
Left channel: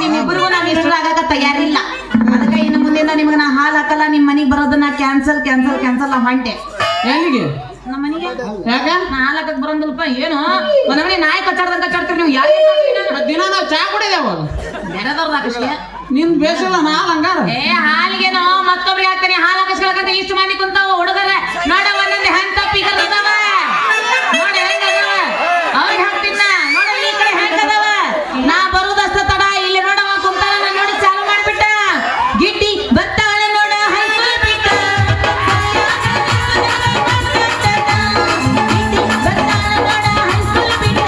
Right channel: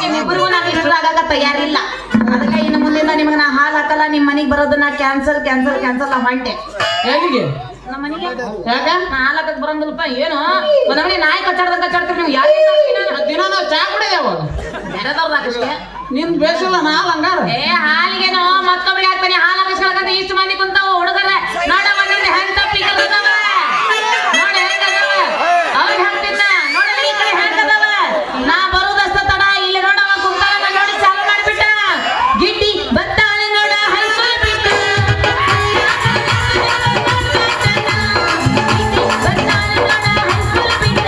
ನಿಮ್ಮಿಬ್ಬರಿಗೂ ನಾನು ಇಷ್ಟ ಆಗಾಕ ತಯಾರಿಲ್ಲ ಅದಕ್ಕೆ ಇನ್ನು ಮುಂದಿನ ನಿಮ್ಗೆ ನಾ ಹಾಲು ಹಾಕಲ್ಲ ನಿಮ್ ಮನೆಗೆ ಬರೋದನ್ನ ಕ್ಯಾನ್ಸಲ್ ಕ್ಯಾನ್ಸಲ್ ಕ್ಯಾನ್ಸಲ್ ನಾ ಹೊಂಟೆ ಎಲ್ಲಿಗೆ ನಮ್ಮ ಮನೆಗೆ ಯಾಕ ನಾ ಹಾಲು ಹಾಕಕ್ ಬರಂಗಿಲ್ಲಪ್ಪ ಏನು ಒಂದೊಂದು ನಾಯಿ ಕಚ್ಚಾಡ್ತೀರಿ ನೀವು ಯಾಕೆ ದಿನ ನಾವು ಚಾ ಕುಡಿದೆ ಅವಾಗ ಬೇರೆದವ್ರದಾಗಷ್ಟೇ ನಿನ್ ಬೇಸಿಲ್ಲ ನಾ ಹಂಗಾರ ಏ ಹಾಲಿಗೆನೋ ಮತ್ತೊಬ್ರಿಗೆ ಹಾಕ್ತೀನಿ ಹಾಲು ಹಾಕಿಸ್ಕೊಳಕಂತ ಇಷ್ಟು ಮಂದಿ ಕುಂತಾವ ಹುಡುಗರ ನೋಡ ಒಂದೊಂದು ಹೆಣ್ ತಪ್ಪಿಗಲ್ಲ ನೋಡ ಹೆಂಗದವ ಅವ್ರಿಗೆ ಹಾಕ್ತಿದ್ದ ನೋಡ ಈ ಕಡೆ ಹೆಂಗದವ ನಾ ಬರುದಷ್ಟ ತಡ ಇಲ್ಲಿ ನೋಡವ ಕುಂತಾಳ ನೋಡಿ ಚಾಲು ಮಾಡ್ಬಿಟ್ಟ ಗಿಡ್ಡಿ ಬರ್ತಾಳೆ ನೋಡ ಹೈಸ್ಕೂಲ್ ಬಿಟ್ಟ ಗಿಡ್ಡಿ ಬರ್ತಾಳೆ ನೋಡ ಹೈಸ್ಕೂಲ್ ಬಿಟ್ಟ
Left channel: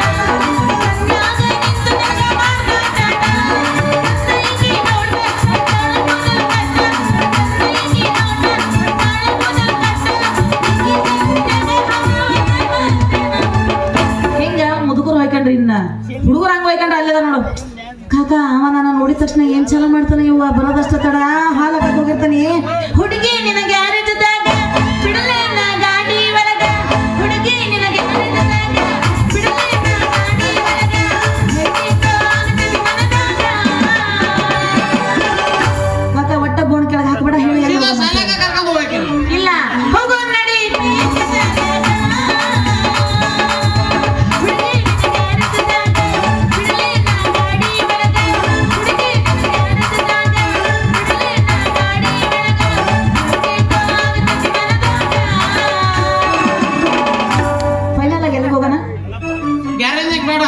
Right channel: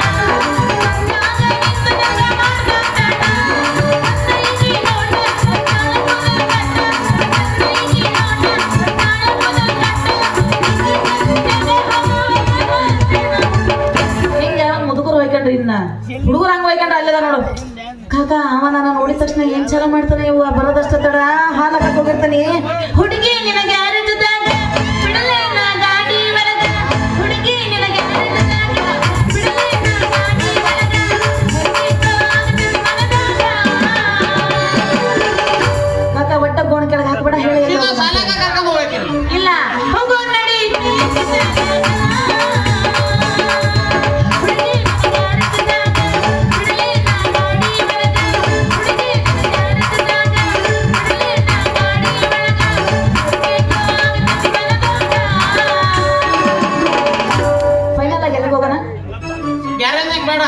ಹೆಂಗ ಮುದುಕರು ಹೋಯ್ಕೊಂಡ್ರಿ ಇನ್ನ ಹುಡುಗರು ಹಂಗ ಹೋಯ್ಕೊಂಡ್ರೆ ಅಲ್ಲದ ನೋಡು ಕಾಕ ಅವ ನಾನು ನೋಡಿದ ತಕ್ಷಣ ಏನ್ ಚಲ ಮಾಡ್ತಾನೆ ಇವ ಬರೋದಷ್ಟ ತಡ ಹಾಲ ಹೋಗಿರ್ತಾನೆ ಹುಡುಗಿ ನಿನಗೆ ಯಾರ ಜೊತೆಗ ಬಿಡಲೇ ನಾ ಗಾಡಿ ಒಳಗ ಹುಡುಗಿ ನಿನಗೆ ಯಾರ ಜೊತೆಗ ಬಿಡಲೇ ನಾ ಗಾಡಿ ಒಳಗ ಕಾಕ ಒಟ್ಟ ಬೋಣ ಕೆಳಗೆ ಹಾಕ್ಬೇಡ ಹೇಳಿ ಶಾಲೆಗೆ ಕರ್ಕೊಂಡು ಹೋಗ್ಬೇಕಿಲ್ಲ ಇಲ್ಲ ಹೋಗು ನಡಿ ಫೈನಲ್ ಆಗಿ ಎಲ್ಲಿಗೆ ಹೋಗೋಣ ಗ್ಯಾರೇಜ್ನಾಗ ಬೇಡ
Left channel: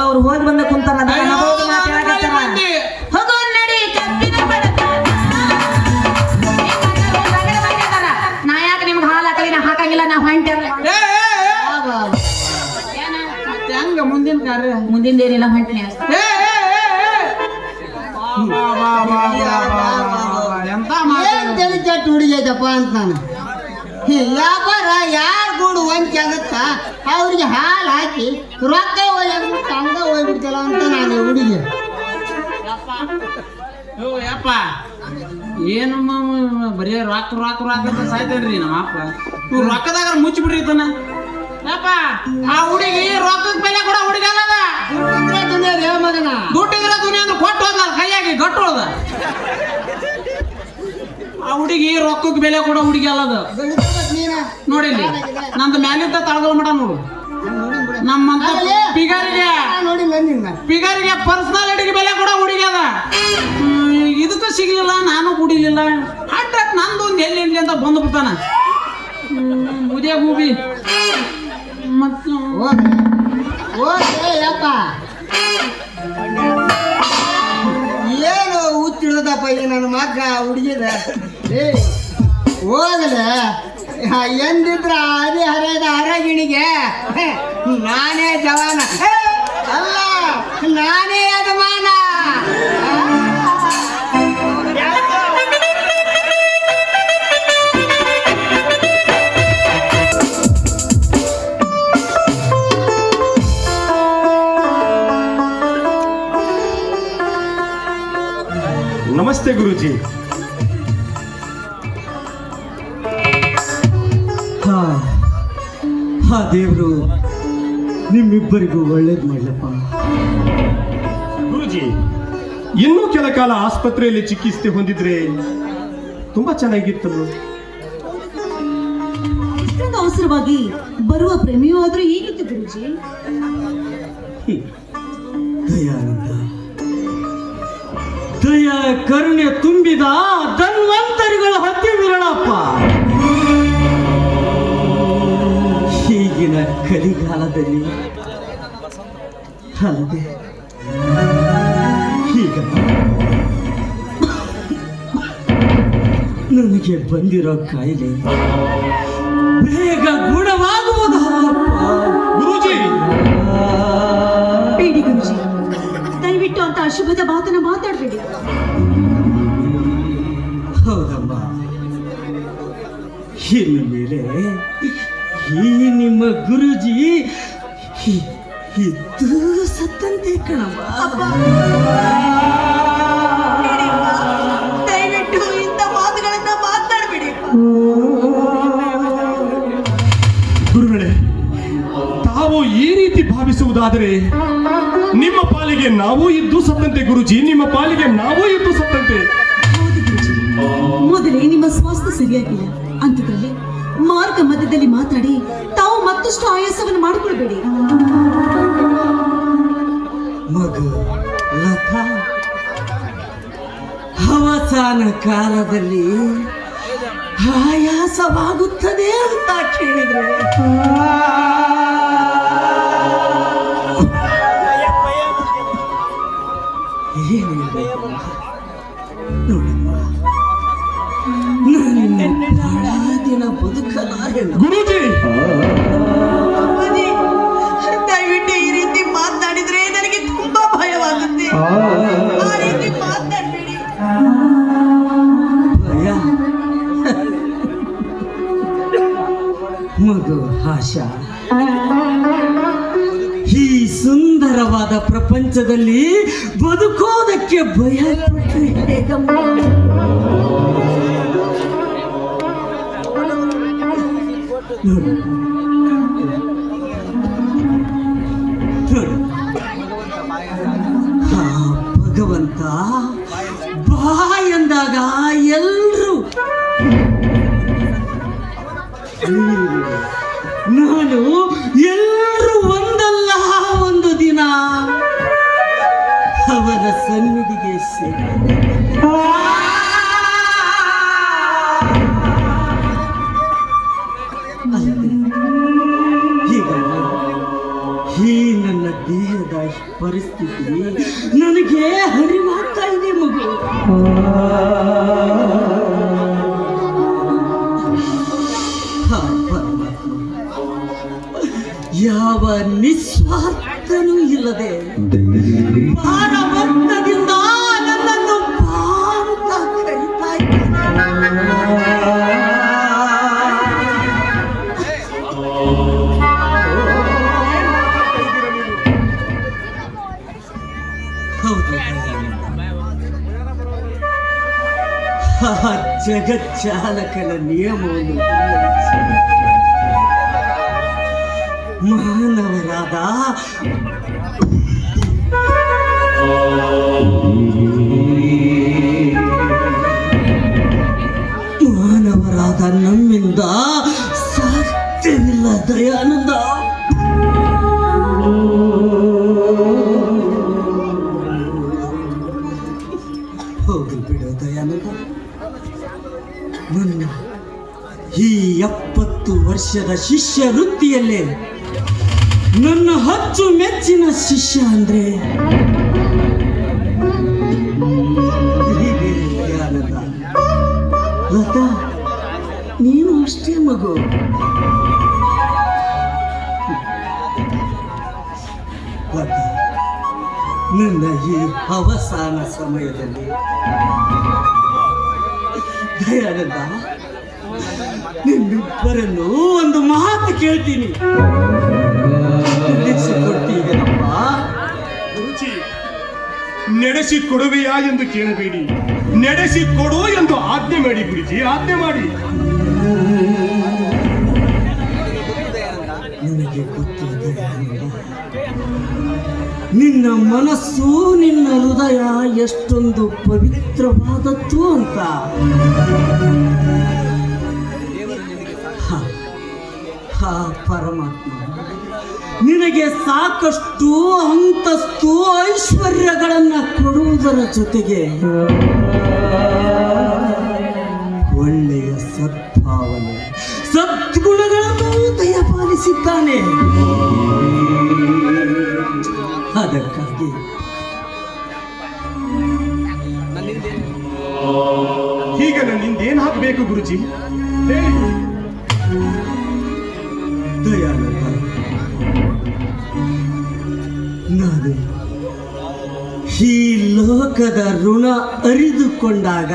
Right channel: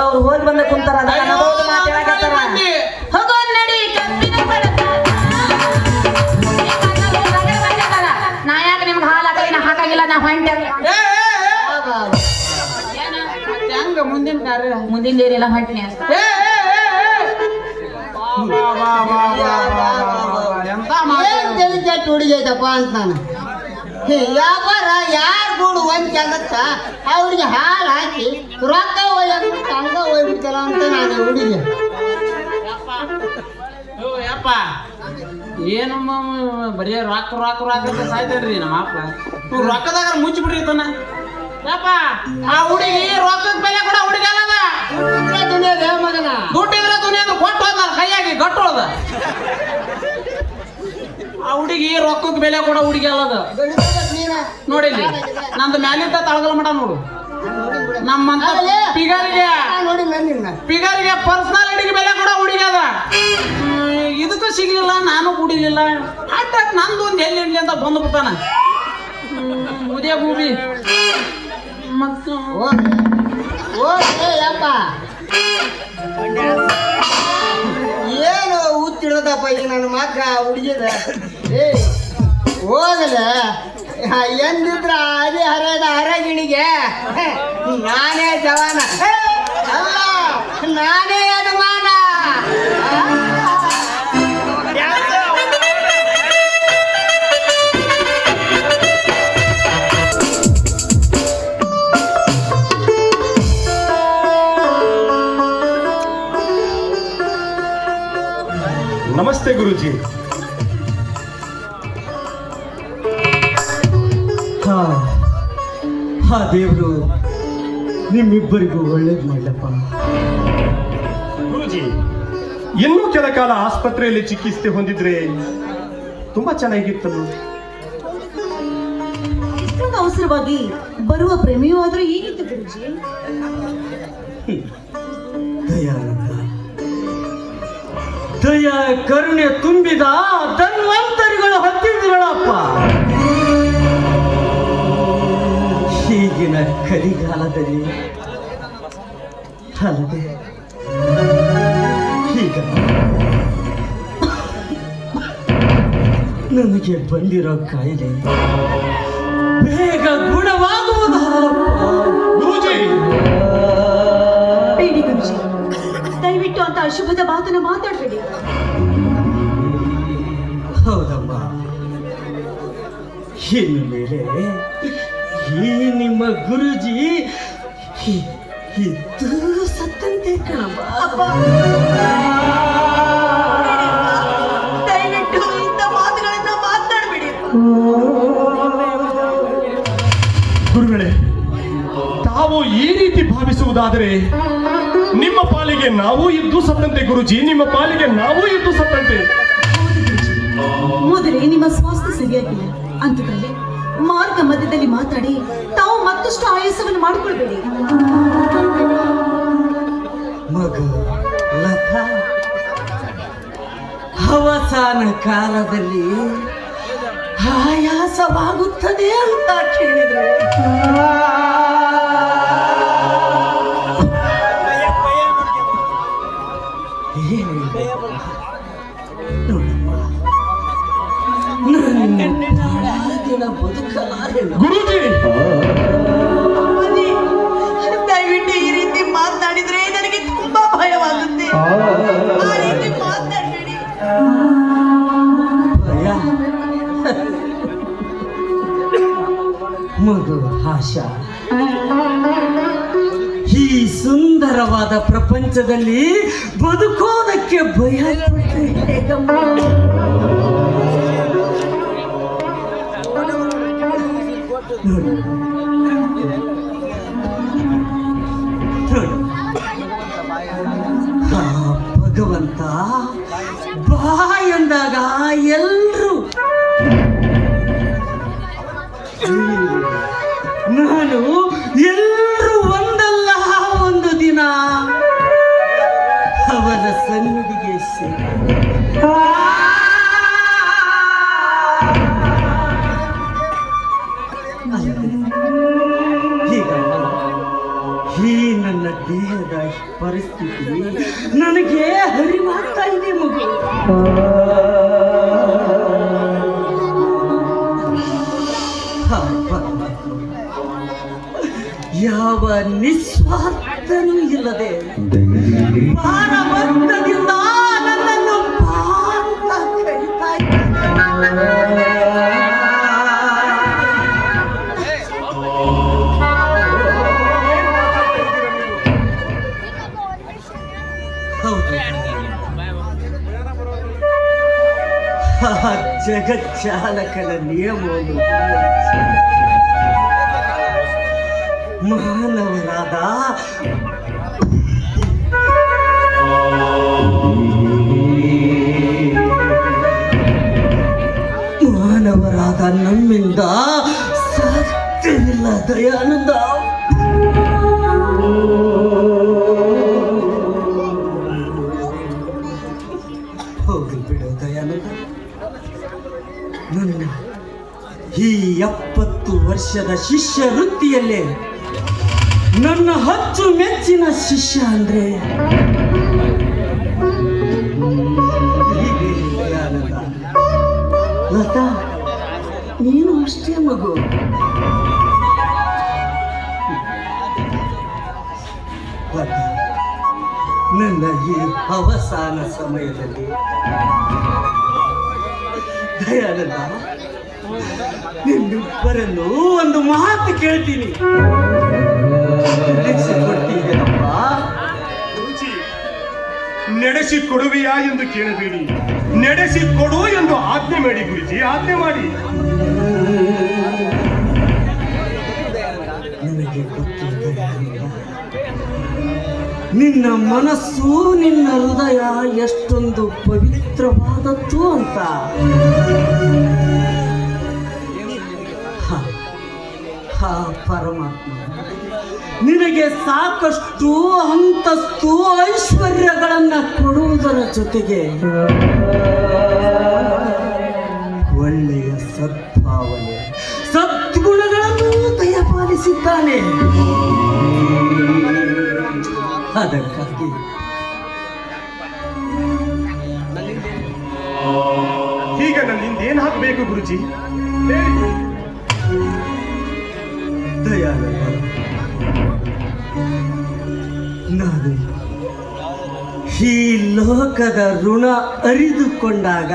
ಅವ್ರು ಹೋಗಿ ಬಂದ ಕುಂತಾರ ಅದ ಅನ್ನೋದು ಮಾತು ಹೇಳಕತ್ತಾರ ಹೋಗೋ ನಡಿ ಕಬ್ಬಿನ ಬಡತ ನಾ ಯಾಕೆ ನಿಮ್ಗೆ ಹಾಲು ಹಾಕಲಿ ನಾ ಹಾಕಂಗಿಲ್ಲ ನಾ ಹೊಂಟೆ ಹೆಂಗ ಮುಂದಿನ ಕಾರ್ಯ ಮುಂದಿನ ಏನಿಲ್ಲ ಹೊಂಟನೆ ಏ, ಏ, ಏ, ಏ. ಎಂತ ಏನ್ ತಲೆ ಕೆಟ್ಟ ಹುಡುಗಿ ಐತಪ್ಪ ಅಂತ ನಾನು ವ್ಯಾಪಾರ ಯಾರು ದುಡ್ಡು ಹೊಂಚಿ ಆಗತ್ತ ಅವ್ರಿಗೆ ಹಾಲು ಹಾಕಿ ರೊಕ್ಕ ಹೋಗ್ಬಿಟ್ಟು ಹಂಗ ಹೋಗ್ಬಿಡ್ತಲ್ಲ ಅಂತ ನಾನು ಹುಡುಗಿ ಓ ಯಪ್ಪ ಏನಮ್ಮ ಬರೀ ರೊಕ್ಕ ರೊಕ್ಕ ರೊಕ್ಕ ಅಂತ ಸಾಯ್ತೇನ್ರಿ ನಮ್ಮ ಅಪ್ಪ ನೀವು ರೊಕ್ಕದಾಗ ಮುಚ್ಚಿ ಬಿಡ್ರಿ ತನ ಯಪ್ಪ ಆ ಹುಡುಗಿ ರೊಕ್ಕದ ಬೆಲೆ ಕೂಡ ಹುಡುಗಿ ಅಲ್ಲದ ಆ ಹುಡುಗಿ ರೊಕ್ಕಕ್ಕೆ ಬೆಲೆ ಕೊಡೋ ಹುಡುಗಿ ಅಲ್ಲ ಅದು. ಬೆಳಿತದ ನೀನ ನೋಡಿಲ್ಲಿ ನಂದು ಮ್ಯಾಲಿಂದ ತಳಗಲ್ ಮಟ ನೋಡು. ನಮ್ಮಂತ ನೋಡಿಲ್ಲ ನಿನ್ನ ಪಿಗರಿಗೆ ಪರ್ಸನಾಲಿಟಿಗೆ ಬೆಲೆ ಕೊಡೋ ಹುಡುಗಿ ಅದ. ಇದಕ್ಕೂ ಸಿಗ್ಲಿಲ್ಲ, ನಾನು ಕುಡಿಲಿಲ್ಲ. ಆಟ ನಂದು ಒಂದು ಎಲ್ಲಿ ಅಂತ ಬಂದು ಬಿಡ್ತಾನ ಉದಯ ಭೂಮಿ. ಮತ್ತು ಓಕೆ ಯಪ್ಪ ಏನು ಹುಚ್ಚಿಡ್ದಪ್ಪ ಈಗ ನನ್ನ ಮಕ್ಕ ಹುಡುಗಿದ. ಏ ಹೋಗಲೆ ಎಂದಿದ್ರ ಅದೇ ಹರಿಯದ ಹರಗಿಣಿಗೆ ನಾನೇ ಜವಾನ ಅಲ್ಲ, ನಾನೇ ಯಜಮಾನ. ನಮಸ್ತೆ ಗುರುಜಿ. ಹಾ ದೇವರು ನಿಮ್ಮಿಬ್ಬರಿಗೂ ಒಳ್ಳೇದು ಮಾಡಲಪ್ಪ. ಗುರುಜಿ, ಇನ್ನೂ ಕೆಲ ಕಾಲ ಆಸ್ಪತ್ರೆಯಲ್ಲಿ ಚಿಕಿತ್ಸೆ ಹೊಂದಿದ್ರೆ ತುಂಬಾ ಚೆನ್ನಾಗಿತ್ತು. ಇಷ್ಟೊಂದು ಅವಸರವಾಗಿ ಬರುವ ಪ್ರೇಮಿಯೂ ಆದ್ರೂ ಹೇಗಿತ್ತು ಗುರುಜಿ? ದಯ ಕರುಣೆ ತುಂಬಿದ ಧನ್ವಂತರಿಗಳ ಹತ್ತಿರಗಳಪ್ಪ. ಈಗಿನ ಕಲಿಗಾಲದಲ್ಲಿ ಅಲ್ಲದೆ ಈಗ ನನಗೆ ಬಂದಿರೋ ಕಾಯಿಲೆ ಬೇಗ ಗುಣವಾಗುವುದು. ಗುರುಜಿ, ಬೇಡಿ ಗುರುಜಿ, ದಯವಿಟ್ಟು ಅಂತ ಅಶುಭದ ಮಾತನ್ನ ಮಾತಾಡಬೇಡಿ. ಹೌದಮ್ಮ, ಇನ್ನು ಮೇಲೆ ಈ ನಿಮ್ಮ ಗುರುಜಿ ಇದ್ದು ಸತ್ತಂತೆ ಕಣವ. ದಯವಿಟ್ಟು ಇಂಥ ಮಾತುಗಳನ್ನ ಮಾತಾಡಬೇಡಿ. ಗುರುಗಳೇ, ತಾವು ಈ ರೀತಿ ಭಾವಿಸುವುದಾದರೆ ನಿಮ್ಮ ಪಾಲಿಗೆ ನಾವು ಇದ್ದು ಸತ್ತಂತೆ. ಗುರುಜಿ, ನಿಮ್ಮ ಪಾಲಿಗೆ ನಾವು ಇದ್ದು ಸತ್ತಂತೆ. ಮೊದಲೇ ನಿಮ್ಮ ಸ್ವಾಸ್ಥ್ಯ ಸರಿಯಾಗಿಲ್ಲ ಅಂತದ್ರಲ್ಲಿ ಮಾರ್ಗ ಮಧ್ಯದಲ್ಲಿ ಮಾತಾಡಿ ತಾವು ಮತ್ತಷ್ಟು ಆಯಾಸವನ್ನು ಮಾಡಿಕೊಳ್ಬೇಡಿ. ಮಗು ಲತಾ, ಅವಸಾನ ಕಾಲದಲ್ಲಿ ಆಯಾಸವಾಗುತ್ತದೆ ಅಂತ ಕೇಳಿದ್ರೆ ದಿನ ಬದುಕಲಾರೆ. ಗುರುಜಿ, ದಯವಿಟ್ಟು ಈ ರೀತಿ ಮಾತನಾಡಿದ್ರೆ ನನಗೆ ತುಂಬಾ ಭಯವಾಗುತ್ತೆ. ಆ ರೀತಿ ಮಾತನಾಡಬೇಡಿ. ಭಯ? ಮಗು ಆಶಾ, ಈ ಸುಂದರವಾದ ಪ್ರಪಂಚದಲ್ಲಿ ಬದುಕೋದಕ್ಕೆ ಭಯ ಪಟ್ಟರೆ ಹೇಗಮ್ಮ? ನೋಡು, ಭಗವಂತ ಬಾ ಎಂದಾಗ ಎಲ್ರು ನಾನು ಎಲ್ರು ಒಂದಲ್ಲ ಒಂದು ದಿನ ಅವನ ಸನ್ನಿಧಿಗೆ ಈಗ ಈ ನನ್ನ ದೇಹದ ಪರಿಸ್ಥಿತಿ ನನಗೆ ಅರಿವಾಗ್ತಾ ಇದೆ ಮಗು. ಯಾವ ನಿಸ್ವಾರ್ಥನೂ ಇಲ್ಲದೆ ಮಾನವತ್ವದಿಂದ ನನ್ನನ್ನು ಪಾಂತ ಕರೀತಾ ಇದ್ದಾನೆ. ಜಗಚ್ಚಾಲಕನ ನಿಯಮವನ್ನು ಮಾನವರಾದ ನನ್ನ ಈ 70 ವರ್ಷದ ಶಿಷ್ಯ ವೃತ್ತಿಯಲ್ಲೇ ನನ್ನ ಅಚ್ಚು ಮೆಚ್ಚಿನ ಶಿಷ್ಯ ಅಂದ್ರೆ ಹೀಗೆ ದಯಾನಂದ. ಲತಾ, ನೀನು ಅಷ್ಟೇ ಮಗು. ಲತಾ, ನನ್ನ ಈ ಅವಸಾನ ಸಮಯದಲ್ಲಿ ದಯಾನಂದ, ನಿಮ್ಮಿಬ್ಬರನ್ನು ಒಂದು ಮಾತು ಕೇಳ್ತೀನಿ. ನಡೆಸಿಕೊಡ್ತೀರಪ್ಪ? ಗುರುಜಿ, ನಡೆಸಿಕೊಡುವೆಯಾ ಎಂದು ಕೇಳಬೇಡಿ, ನಡೆಸಿಕೊಡು ಎಂದು ಆಜ್ಞೆ ಮಾಡಿ ಗುರುಜಿ, ಆಜ್ಞೆ ಮಾಡಿ. ನನಗೆ ಗೊತ್ತಿದೆ ನಿನ್ನ ಮನಸ್ಸು, ನಿನ್ನ ಹೃದಯ ಎಷ್ಟೊಂದು ಪವಿತ್ರವಾದದ್ದು ಅಂತ. ಹಾ ಪರಮಾತ್ಮ ನಿನಗೆ ಸಾಕಷ್ಟು ಅಂತಸ್ತು ಐಶ್ವರ್ಯಗಳನ್ನ ಕೊಡುವುದರ ಜೊತೆಗೆ ಒಳ್ಳೆಯ ಸದ್ಭಾವನೆ ಸದ್ಗುಣಗಳನ್ನು ದಯಪಾಲಿಸಿದ್ದಾನೆ. ಅದಕ್ಕಾಗಿ ಈಗ ನನ್ನಿಂದ ಏನ್ ಹಾಕಬೇಕು ಗುರುಜಿ ಹೇಳಿ. ದಯಾನಂದ, ನಾನು ಈ ಲೋಕದ ಋಣ ಅರಿದುಕೊಂಡಾಗ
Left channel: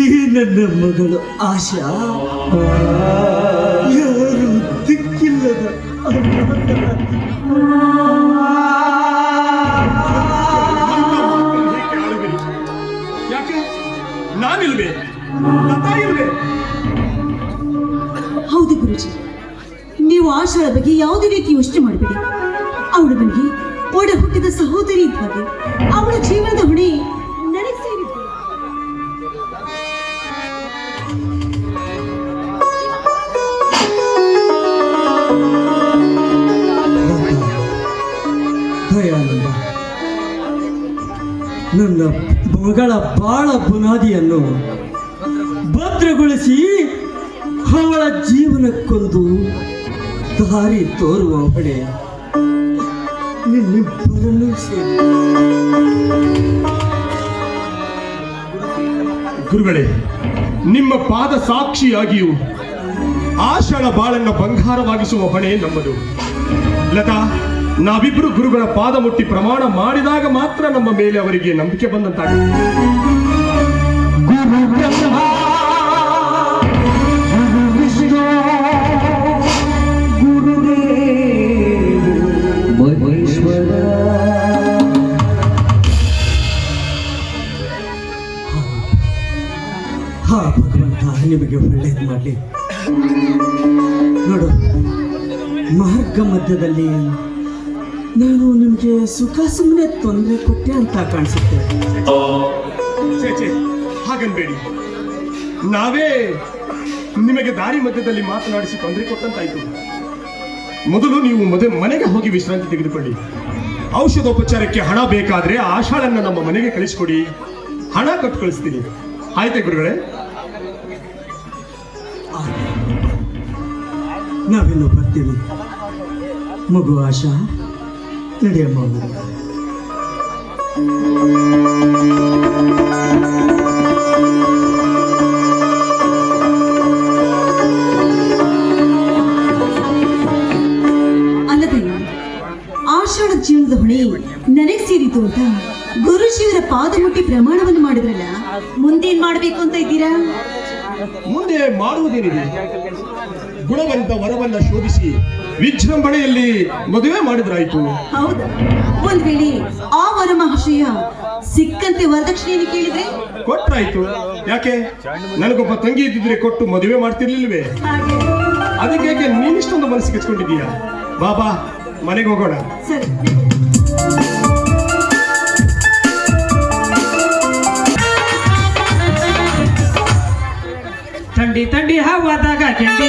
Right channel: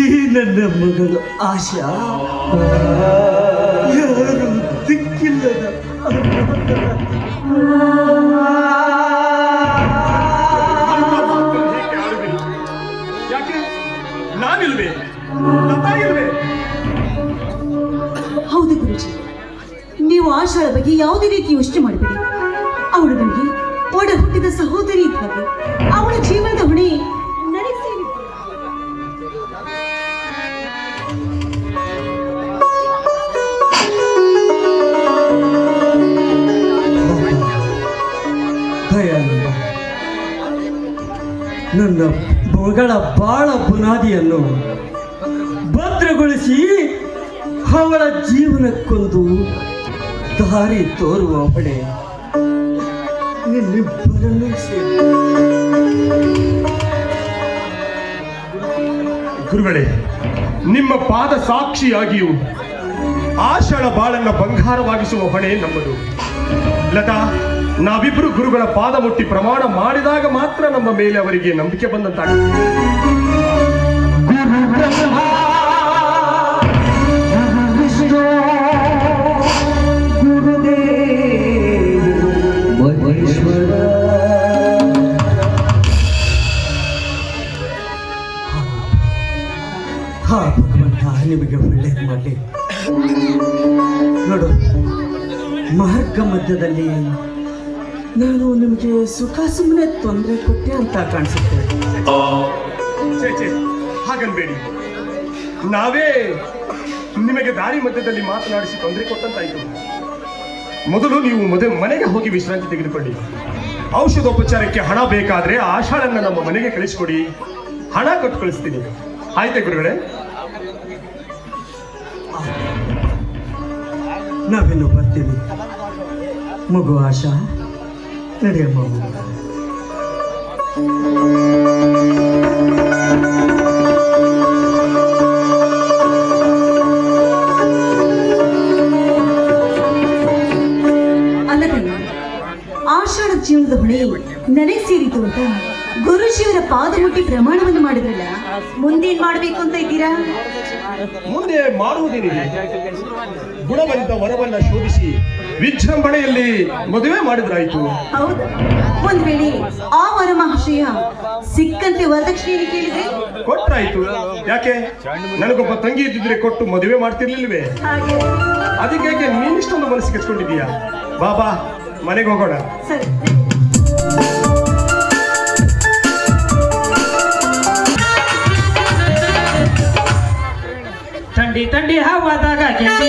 ಈ ನನ್ನ ಮಗಳು ಆಶಾ ಯಾರು ದಿಕ್ಕಿಲ್ಲದ ಯಾಕೆ ನಾನಿಲ್ವೇ, ಲತಾ ಇಲ್ವೇ? ಹೌದು ಗುರುಜಿ, ನೀವು ಆಶಾಳ ಬಗ್ಗೆ ಯಾವುದೇ ರೀತಿ ಯೋಚನೆ ಮಾಡಬೇಡಿ. ಅವಳು ನನಗೆ ಒಡ ಹುಟ್ಟಿದ ಸಹೋದರಿ ಇದ್ದ ಹಾಗೆ. ಅವಳ ಜೀವನದ ಹೊಣೆ ನನಗೆ ಸೇರಿದ್ದು. ದಯಾನಂದ, ನನ್ನ ಮಗಳ ಬಾಳ ಬುನಾದಿಯನ್ನು ಭದ್ರಗೊಳಿಸಿ ಅವಳ ಜೀವನಕ್ಕೊಂದು ದಾರಿ ತೋರುವ ಹೊಣೆ ನಿನ್ನಿಬ್ಬರನ್ನೂ ಸೇರಿ. ಗುರುಗಳೇ, ನಿಮ್ಮ ಪಾದ ಸಾಕ್ಷಿಯಾಗಿಯೂ ಆಷಾಢ ಬಾಳನ್ನ ಬಂಗಾರವಾಗಿಸುವ ಹೊಣೆ ನಮ್ಮದು. ಲತಾ, ನಾವಿಬ್ಬರು ಗುರುಗಳ ಪಾದ ಮುಟ್ಟಿ ಪ್ರಮಾಣ ಮಾಡಿದಾಗ ಮಾತ್ರ ನಮ್ಮ ಮೇಲೆ ಅವರಿಗೆ ನಂಬಿಕೆ ಬಂದಂತಾಗುತ್ತೆ. ನಿಮಗೆ ಒಳ್ಳೆಯದು ಮಾಡಲಿ. ನೋಡು, ಮಾರ್ಗ ಮಧ್ಯದಲ್ಲಿ ನಾನು ನಿಮಗೆ ಸುಖ ಸುಮ್ಮನೆ ತೊಂದರೆ ಕೊಟ್ಟೆ ಅಂತ ಕಾಣಿಸುತ್ತೆ. ಛೇ, ಹಾಗನ್ಬೇಡಿ. ನಾವೇ ನಿಮಗೆ ದಾರಿ ಮಧ್ಯದಲ್ಲಿ ಮಾತನಾಡಿಸಿ ತೊಂದರೆ ಕೊಟ್ಟಂತಾಯ್ತು. ಮೊದಲು ನೀವು ಮನೆಗೆ ಹೋಗಿ ವಿಶ್ರಾಂತಿ ತೆಗೆದುಕೊಳ್ಳಿ. ಔಷಧೋಪಚಾರಕ್ಕೆ ಹಣ ಬೇಕಾದ್ರೆ ಆಷಾಢನ್ನ ನಮ್ಮ ಮನೆಗೆ ಕಳಿಸ್ಕೊಡಿ, ಹಣ ಕೊಟ್ಟು ಕಳಿಸ್ತೀನಿ. ಆಯ್ತಾ ಗುರುಗಳೇ? ನಾವಿನ್ನು ಬರ್ತೀವಿ. ಮಗು ಆಶಾ, ನಡೆಯಮ್ಮ. ಅಲ್ಲದಲ್ಲ, ಆಷಾಢ ಜೀವನದ ಹೊಣೆ ನನಗೆ ಸೇರಿತು ಅಂತ ಗುರುಜಿಯವರ ಪಾದ ಮುಟ್ಟಿ ಪ್ರಮಾಣವನ್ನು ಮಾಡಿದ್ರಲ್ಲ, ಮುಂದೇನ್ ಮಾಡ್ಬೇಕು ಅಂತ ಇದ್ದೀರಾ? ಮುಂದೆ ಮಾಡುವುದೇನಿದೆ? ಗುಣವಂತ ವರವನ್ನ ಶೋಧಿಸಿ ವಿಜೃಂಭಣೆಯಲ್ಲಿ ಮದುವೆ ಮಾಡಿದ್ರಾಯ್ತು. ಹೌದು, ಒಂದ್ ವೇಳೆ ಆ ವರ ಮಹಾಶಯ ಸಿಕ್ಕಂತೆ ವರದಕ್ಷಿಣೆಯನ್ನು ಕೇಳಿದ್ರೆ ಕೊಟ್ರಾಯ್ತು. ಯಾಕೆ, ನನಗೊಬ್ಬ ತಂಗಿ ಇದ್ದಿದ್ರೆ ಕೊಟ್ಟು ಮದುವೆ ಮಾಡ್ತಿರ್ಲಿಲ್ವೇ? ಹಾಗೆ ಅದಕ್ಕೆ ನೀನಿಷ್ಟೊಂದು ಮನಸ್ಸಿಗೆ ಹಚ್ಕೊಂಡಿದೀಯಾ? ಬಾಬಾ, ಮನೆಗೆ ಹೋಗೋಣ. ಸರಿ. ಥಂಡಿ ಹವಾದಾಗ ಕೆಂಡಿ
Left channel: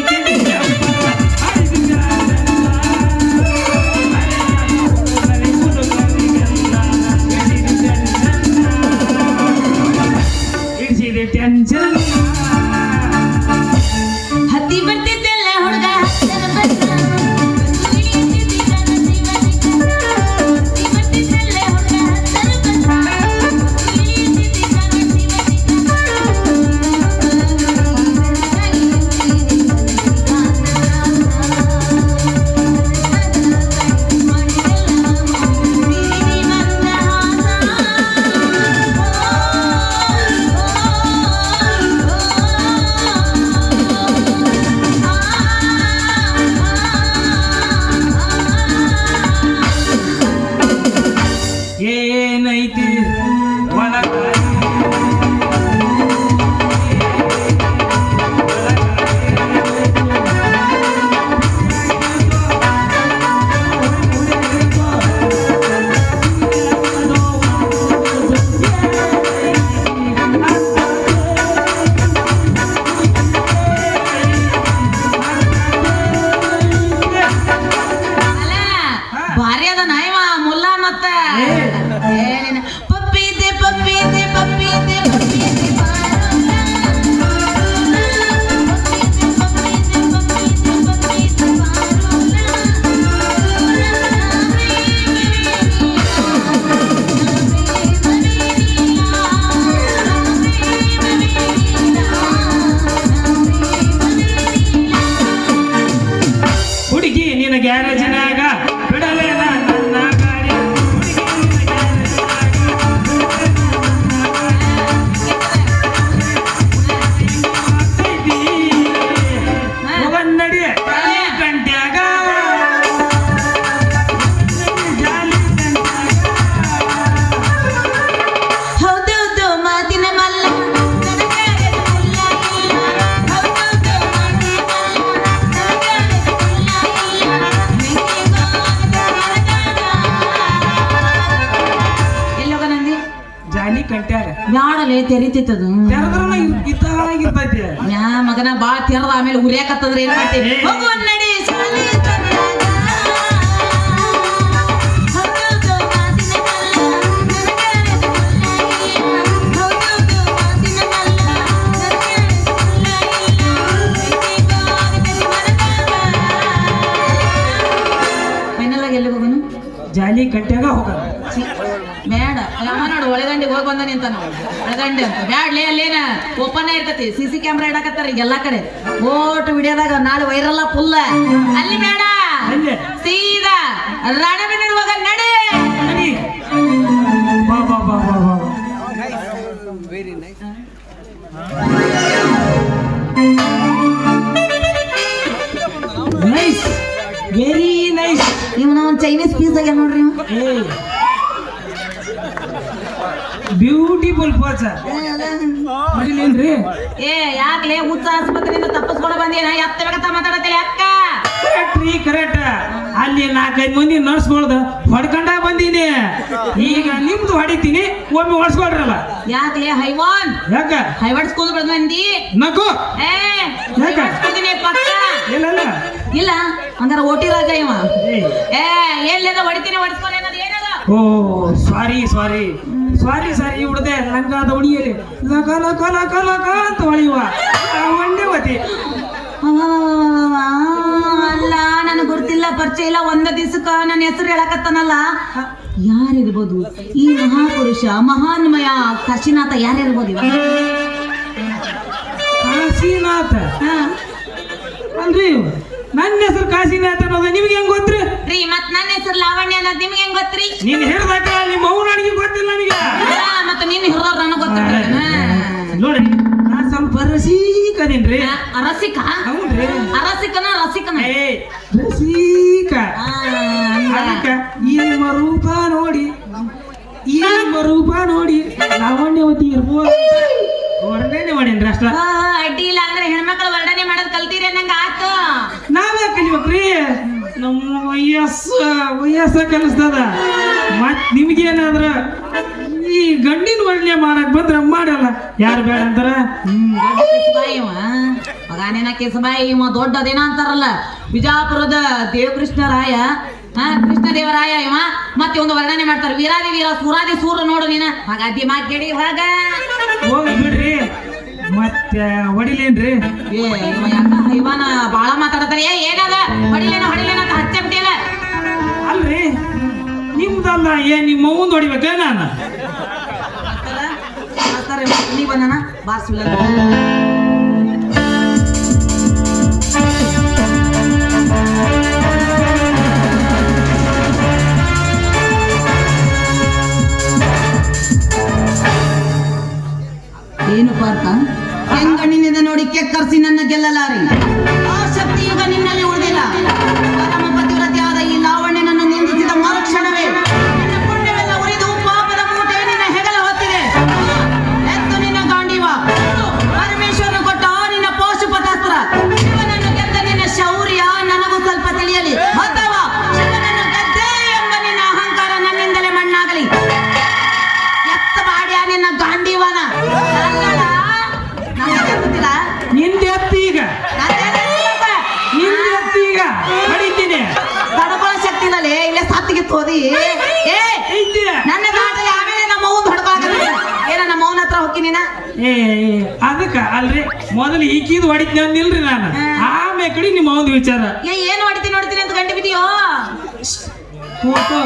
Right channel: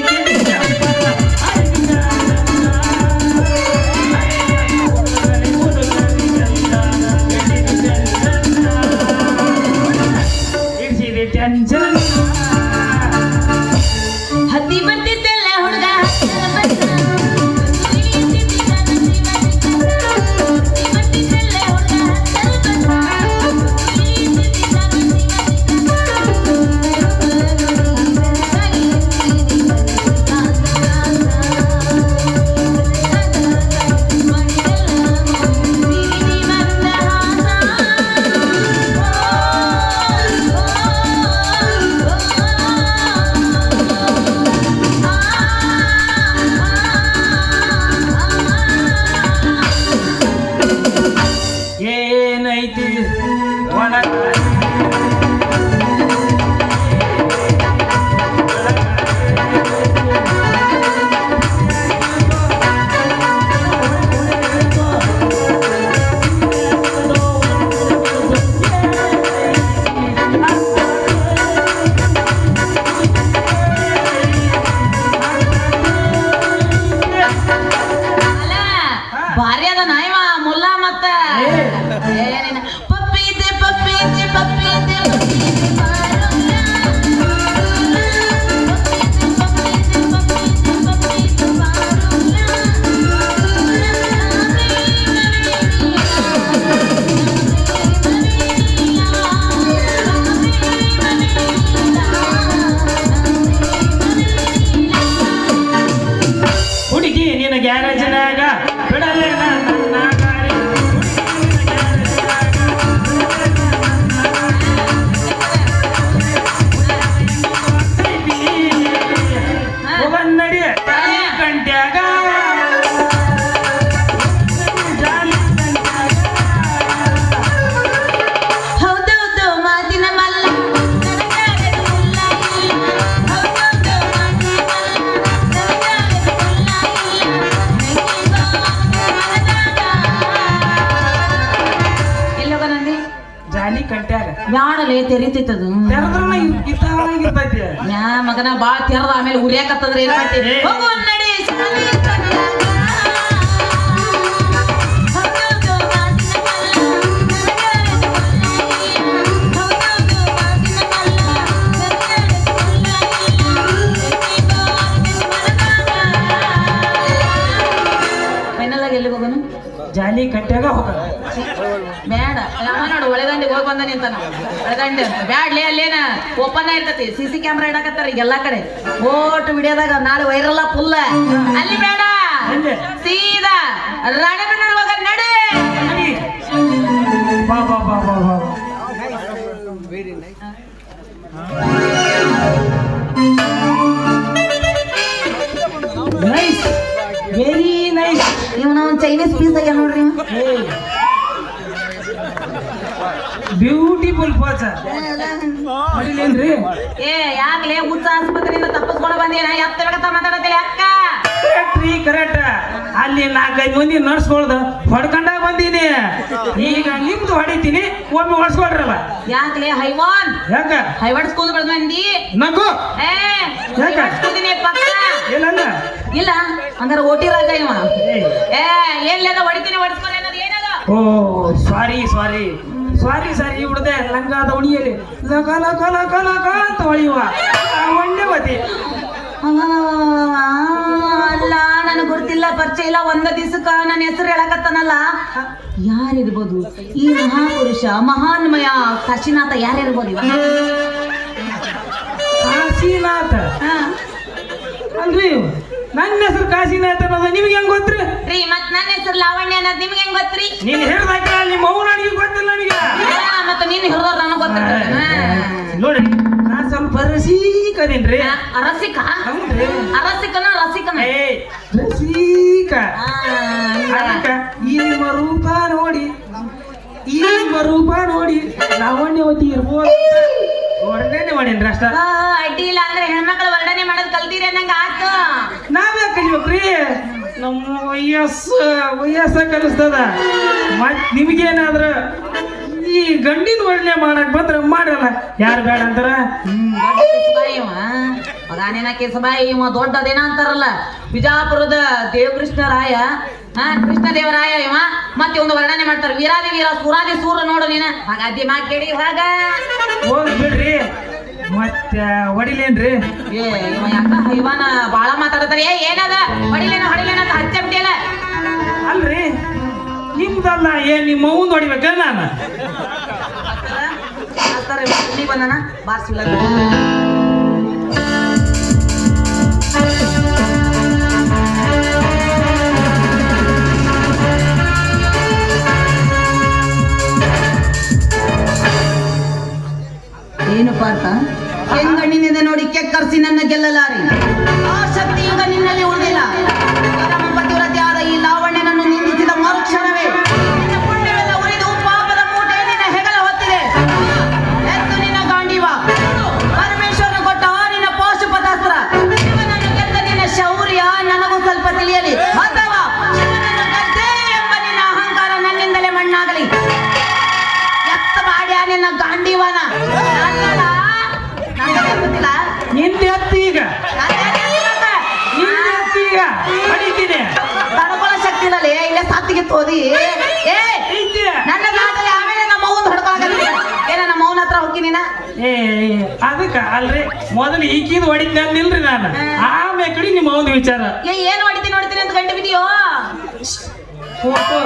ಅಲ್ಲಿ ತೆರಿತೈತದು ತೆರೆದ್ರನ ಇದ್ದಾಗಿರ್ತೈತಿ. ಯಾ ಮಗನ ಬಾ ತೆರದ ಆಮೇಲೆ ಉರಿಯಾಕತ್ತಂದ್ರೆ ಏನ್ ಮಾಡ್ತೀವಿ ಹೋಗು ನಡಿ ಶಾಲೆ ಫೈನಲ್ ಆಗಿ ಎಲ್ಲಿ ಹೋಗೋನು ಜಾಲಿ ಕಟ್ಟ್ಯಾಗ ಹೋಗಲ್ಲ. ಬೇಡ ನೋಡು ಒಳಗಂಡಿ ಹೋಗಿ ಬಂದಾನೆ ಅಂತ ಒಳಗಂಡಿ ಅಂತ ಬ್ಯಾಡ್ಲಿ ಅಲ್ಲೇನ ಓಪನ್ ಇರ್ತತಿ CC ಕ್ಯಾಮ್ರಾ ಇಡಕತ್ತಾರ ಈಗ ಎಲ್ಲಾ ಕಡೆ ಓಟ್ ವಿಡಿಯೋದಾಗ ನಾಳೆ ವೈರಲ್ ಫುಲ್ಲ ಅಲ್ಲಿ ಬೇಡ ಅಲ್ಲಿ ಸೀದಾ ರಾಣೆಬೆನ್ನೂರು ಹೋಗ ನಡಿ ನಡಿ. ಬಾ ಬಾ ಬಾ ಬಾ ಬಾ. Nice, very nice. ನೀವು ನಾವು ಚೈನೀಸ್ ಪೀಸ್ ಆಗ್ಯಾವ ನೋಡ್ರಿ ಬ್ಯೂಟಿಫುಲ್ ಪಾಸ ನೋಡಿಲ್ಲೇನ್ರಿ? ಏ ಯಾಕ್ಲೆ ಹುಚ್ಚ ಆಸ್ಪತ್ರೆಯಿಂದ ತಪ್ಪಿಸ್ಕೊಂಡು ಬಂದೇನ ಎತ್ತ ಬೇಕಂತ ಮಾತಾಡತ್ತೀರಿ ಅಕ್ಕ ಕರೆಕ್ಟ್ ರೀ, ಕರೆಕ್ಟ್. ಅಲ್ಲಿ 4-5 ಮಂದಿ ನಡ್ಸ್ಕೊಳ್ದು ಹೊಡ್ಕೊಂಡಾಗ ಬಂದೀನಿ. ಈಗ ನಿಮ್ದು ಹೊಡಿತೀನಿ, ಒಮ್ಮೆ ಹೊಡ್ಸ್ಕೊಳ್ರಲ್ಲ. ಯಾಕ್ಲೆ ಹೈವಾನ್ ಯಾಕ ಹೈವಡ್ಸ್ಕೊಂಡು ಬೆಳೆದು ಮಂದಿ ನಗು ಏ ಹೈವಡ್ಸ್ಕೊತೀನಿ ಪಕ್ಕ ಇಲ್ಲ ಇಲ್ಲ ಹಂಗಾರ ಓಟಿ ರಾಜ ಇವ ಏ. ಏ ಏನ್ಲೇದ ಹೊಡಿತೀನಿ ಹೊಡ್ಸ್ಕೊಂಡು ಅನ್ನೋದು ಏನದ ಓ ಸಾರಿ ಸಾರಿ ಸಾರಿ ಸಾರಿ ಹುಡ್ದೆ ನಂಗಾದ ಉಣಿಯಲಿ ಲಕ ಲಕ ಲಕ ಲಕ ಅಂತ ಹೊಳಿಯುವ ಒಂದೇ ಮತಿ. ಅಲ್ಲ ನನಗೆ ಗೊತ್ತಿಲ್ಲ ಪರಿಚಯ ಇಲ್ಲ ಒಂದ ದಿವಸಕ್ಕ ನನ್ನ ಹೆಸರು ಹೇಳಕತ್ತನಲ್ಲ ಯಾರಿರ್ಬೋದು ಈ ಮಹಾಪುರುಷ ಮಹಾನ್ಮಯ ಕಾಶಿನಾಥ ಯಾರಿರ್ಬೋದು ಇವ? ಕಾಶಿನಾಥ ಹಾ ಅಲ್ರಿ, ನನ್ನ ಹೆಸರು ಕಾಶಿನಾಥ ಅನ್ನೋದು ನಿಮ್ಗೆ ಹೆಂಗ್ ಗೊತ್ತ್ರಿ? ರೀ ಮತ್ ನನ್ನ ಹೆಸರು ಲಾವಣ್ಯ ಅನ್ನೋದು ನಿಮ್ಗೆ ಹೆಂಗ್ ಗೊತ್ತ್ರಿ? ನೀನ್ ಹೇಳ್ದಾಕ ನಿಮ್ಮ ಅವ್ನ ಅಡಿಗೆ ಗೊತ್ತಿಲ್ಲ ನನಗೆ. ಮತ್ತೆ ನೀನ್ ಹಿರಿದವ್ರು ನನಗೆ ಗೊತ್ತಿರ್ತದೆ ನೋಡಿ ನಾ ಸ್ವಲ್ಪ ರಸೀಕದೇನ್ರಿ. ರಸಿಕ ಹೌದ್ರಿ? ರಸಿಕನ ರಸಿಕನ ಏ ರಸೀಕ. ಅದಕ್ಕ ಈ ನಿಮ್ಮ ರೂಪ ನೋಡಿ, ಈ ನಿಮ್ಮ ರೂಪ ನೋಡಿ ಲಾವಣ್ಯವತಿ ಇರ್ಬೋದು ವರ್ಣನೆ ಮಾಡೇನ್ರಿ ಅಷ್ಟ. ಅಡ್ಡಿ ಇಲ್ಲ ಅಂದ್ರೆ ಹೆಣ್ಮಕ್ಳು ವರ್ಣನೆ ಮಾಡೋದು ಕಲ್ತೀರಿ ನಂಗೆ ಆತು. ನಾವೇ ಕಲಿಬೇಕ್ರಿ, ನಮ್ಮ ವಯಸ್ಸ ಕಲಿಸ್ತದ. ಮತ್ ನಿಮ್ಗೇನಾದ್ರ ಈ ಗಂಡಿನ ವರ್ಣನೆ ಮಾಡಕ್ ಬಂದ್ರ ಮಾಡಲ್ಲ, ಯಾರು ಬೇಡ ಅಂತಾರ. ಮಗಾನೇನ ಕೇಸಬಾಯಿ ಇವ ದೊಡ್ಡದೇನ ಅಂತಾರಲ್ಲ ಬಿಜಾಪುರದ ದೇವಕೃಷ್ಣರಾಯ ಕೃಷ್ಣದೇವರಾಯ ಇವ ಮತ್ತೆ ಒಂದು ವರ್ಣನೆ ಮಾಡ್ತಾರ ವೀರಾದಿ ವೀರ ಸೂರಾದಿ ಸೂರ ನೋಡು ನೀನ ಹಾಗಾದಿ ಮಾ ಕೇಳಿ ಹಾಗ ಹೋಗಿ ಬಿಡ್ರಿ, ಮತ್ತೆ ಹೊಡಿಲೇನ್ರಿ? ಏ ಇವ ಯಾಕ ಇವನ ಬಾಳ ಮಾತಾಡತಾರ ಏನದ ಹೊಡಿಲೇನ ಹೊಡಿಲೇನ ಅಂತ ಹಚ್ಚೆ ಬಿಟ್ಟಿಲ್ಲ. ಅಲ್ರಿ ನಿಮ್ದಲ್ಲ, ನಿಮ್ಮ ಅವ್ನ್ ಹೊಡಿಬೇಕ ನಾನು? ನೀ ಬಂದನ ಬಾರ್ಸಿಲ್ಲ ಏನು ಪಾರ್ಥ ಹೆಂಗಣ್ಣಿನಿಂದ ನೋಡಿ ಕೆಕ್ಕರ್ಸಿ ನನ್ನ ಗೆಲ್ಲಲಾರಿ. ಆ ಶಕ್ತಿ ಈಗ ನಿನ್ನಲ್ಲಿ ಉಳಿದಿಲ್ಲ. ಪರಮ ಪತಿವ್ರತೆಯಾದ ಈ ಲಾವಣ್ಯನನ್ನು ನಿಂದಿಸಿದ ಮರುಕ್ಷಣವೇ ನಿನ್ನ ಪುಣ್ಯವೆಲ್ಲ ಉರಿದು ಪಾಪದ ಮೂಟೆ ನಿನ್ನ ಹೆಗಲ ಹೊತ್ತಿದೆ. ಎತ್ತು ನಿನ್ನ ಗಾಂಡೀವ ಪರಮೇಶ್ವರನ ಕೊಟ್ಟ ನಿನ್ನ ಪಾಶುಪತಾಸ್ತ್ರ. ಶಿವನನ್ನು ಗೆದ್ದ ನಿನ್ನ ಶೌರ್ಯ ನನಗೂ ಸ್ವಲ್ಪ ತಿಳಿಯಲಿ, ಅಥವಾ ಶಿವನನ್ನು ಗೆದ್ದೆ ಎಂಬ ನಿನ್ನ ಅಹಂಕಾರ ನನ್ನಿಂದಲೇ ಮಣ್ಣಾಗಲಿ. ಎತ್ತ ಬಾಡ್ಯ ನಿನ್ನ ಗಾಂಡೀವನ ನಿಂದೆ ಈಗ ನಿಂದೆ ಹೊಡಿತೀನಿ. ತಡ್ಕೊಳ್ಳೋ ಶಕ್ತಿ ಇಲ್ಲಲೇ ಇಲ್ಲೇ ಸತ್ತಿಗೆ ತೋದಿ. ಏ ಐತೆ. ನನ್ನ ದಾಟಲ್ಲಿ ಆಮೇಲೆ ನಮ್ಮ ಅವ್ವನ್ ಹೊಡ್ಕೊಳಕಲ್ಲ ಏನ ನಮ್ಮ ಅವ್ವನ ಹತ್ರ ಹೋಗಿ ನೀನ ಏ ಅದಕ್ಕ ಅಲ್ರಿ, ಮೊದಲು ಈಕಿದ್ ಹೊಡಿದ್ನಿಲ್ರಿ ನಾನು, ಆಮೇಲೆ ಕಡಿ ನಿಮ್ಮ ಒಂದು ವಿಚಾರ. ಏನು ಹೊಡಿತೀನಿ ನೋಡ್ತೀನಿ ಅಂತ ಗಂಟು ಬಿದ್ದೀಯೋ? ಫೋಟೋ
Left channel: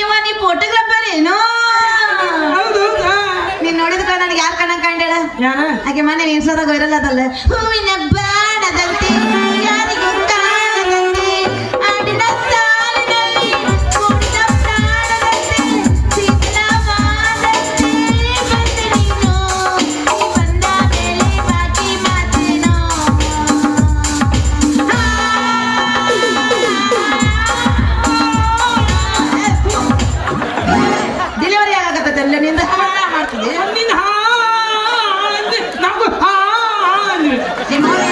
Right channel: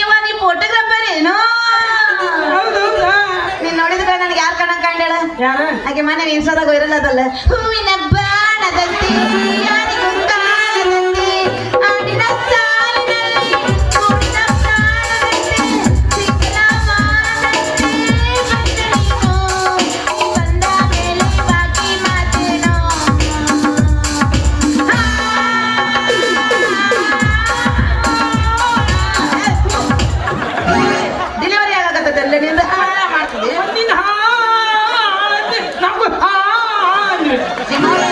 ಇವ ನೀ ಫೋಟೋಗ್ರಾಫರ್ ಏನು? ಹೌದೌದಾ? ನೀನ್ ನೋಡಿದ್ರೆ ನನಗೆ ಯಾರು ಕಣ್ಣ ಕಂಡೇಳ ಯಾರ? ಹಾಗೆ ಮನೆ ಇನ್ಸ್ಟಾದಾಗ ವೈರಲ್ ಅದಲ್ಲ, ಹೂವಿನ ಬಾಣದಂತೆ ಯಾರಿಗೂ ಕಾಣದಂತೆ ಆಡಿನ ಸಾಲಿನಲ್ಲಿ ಕೂಡಿದ ಪ್ರಾಣದಂತೆ ಸಿದ್ಧವಾದಂತೆ ಬಂದೆ ನೀನು ಬಂದ ಮೇಲೆ ಬಾಕಿ ಮಾತೇನೋ. ಡೆಲಿವರಿ ಆಗತ್ತೆ ಎಲ್ಲ ನಿಂದ ಮಾಡ್ತಿದ್ದೆ. ನಿನ್ನ ನಮಗೂ ನಿಮ್ಮನೆ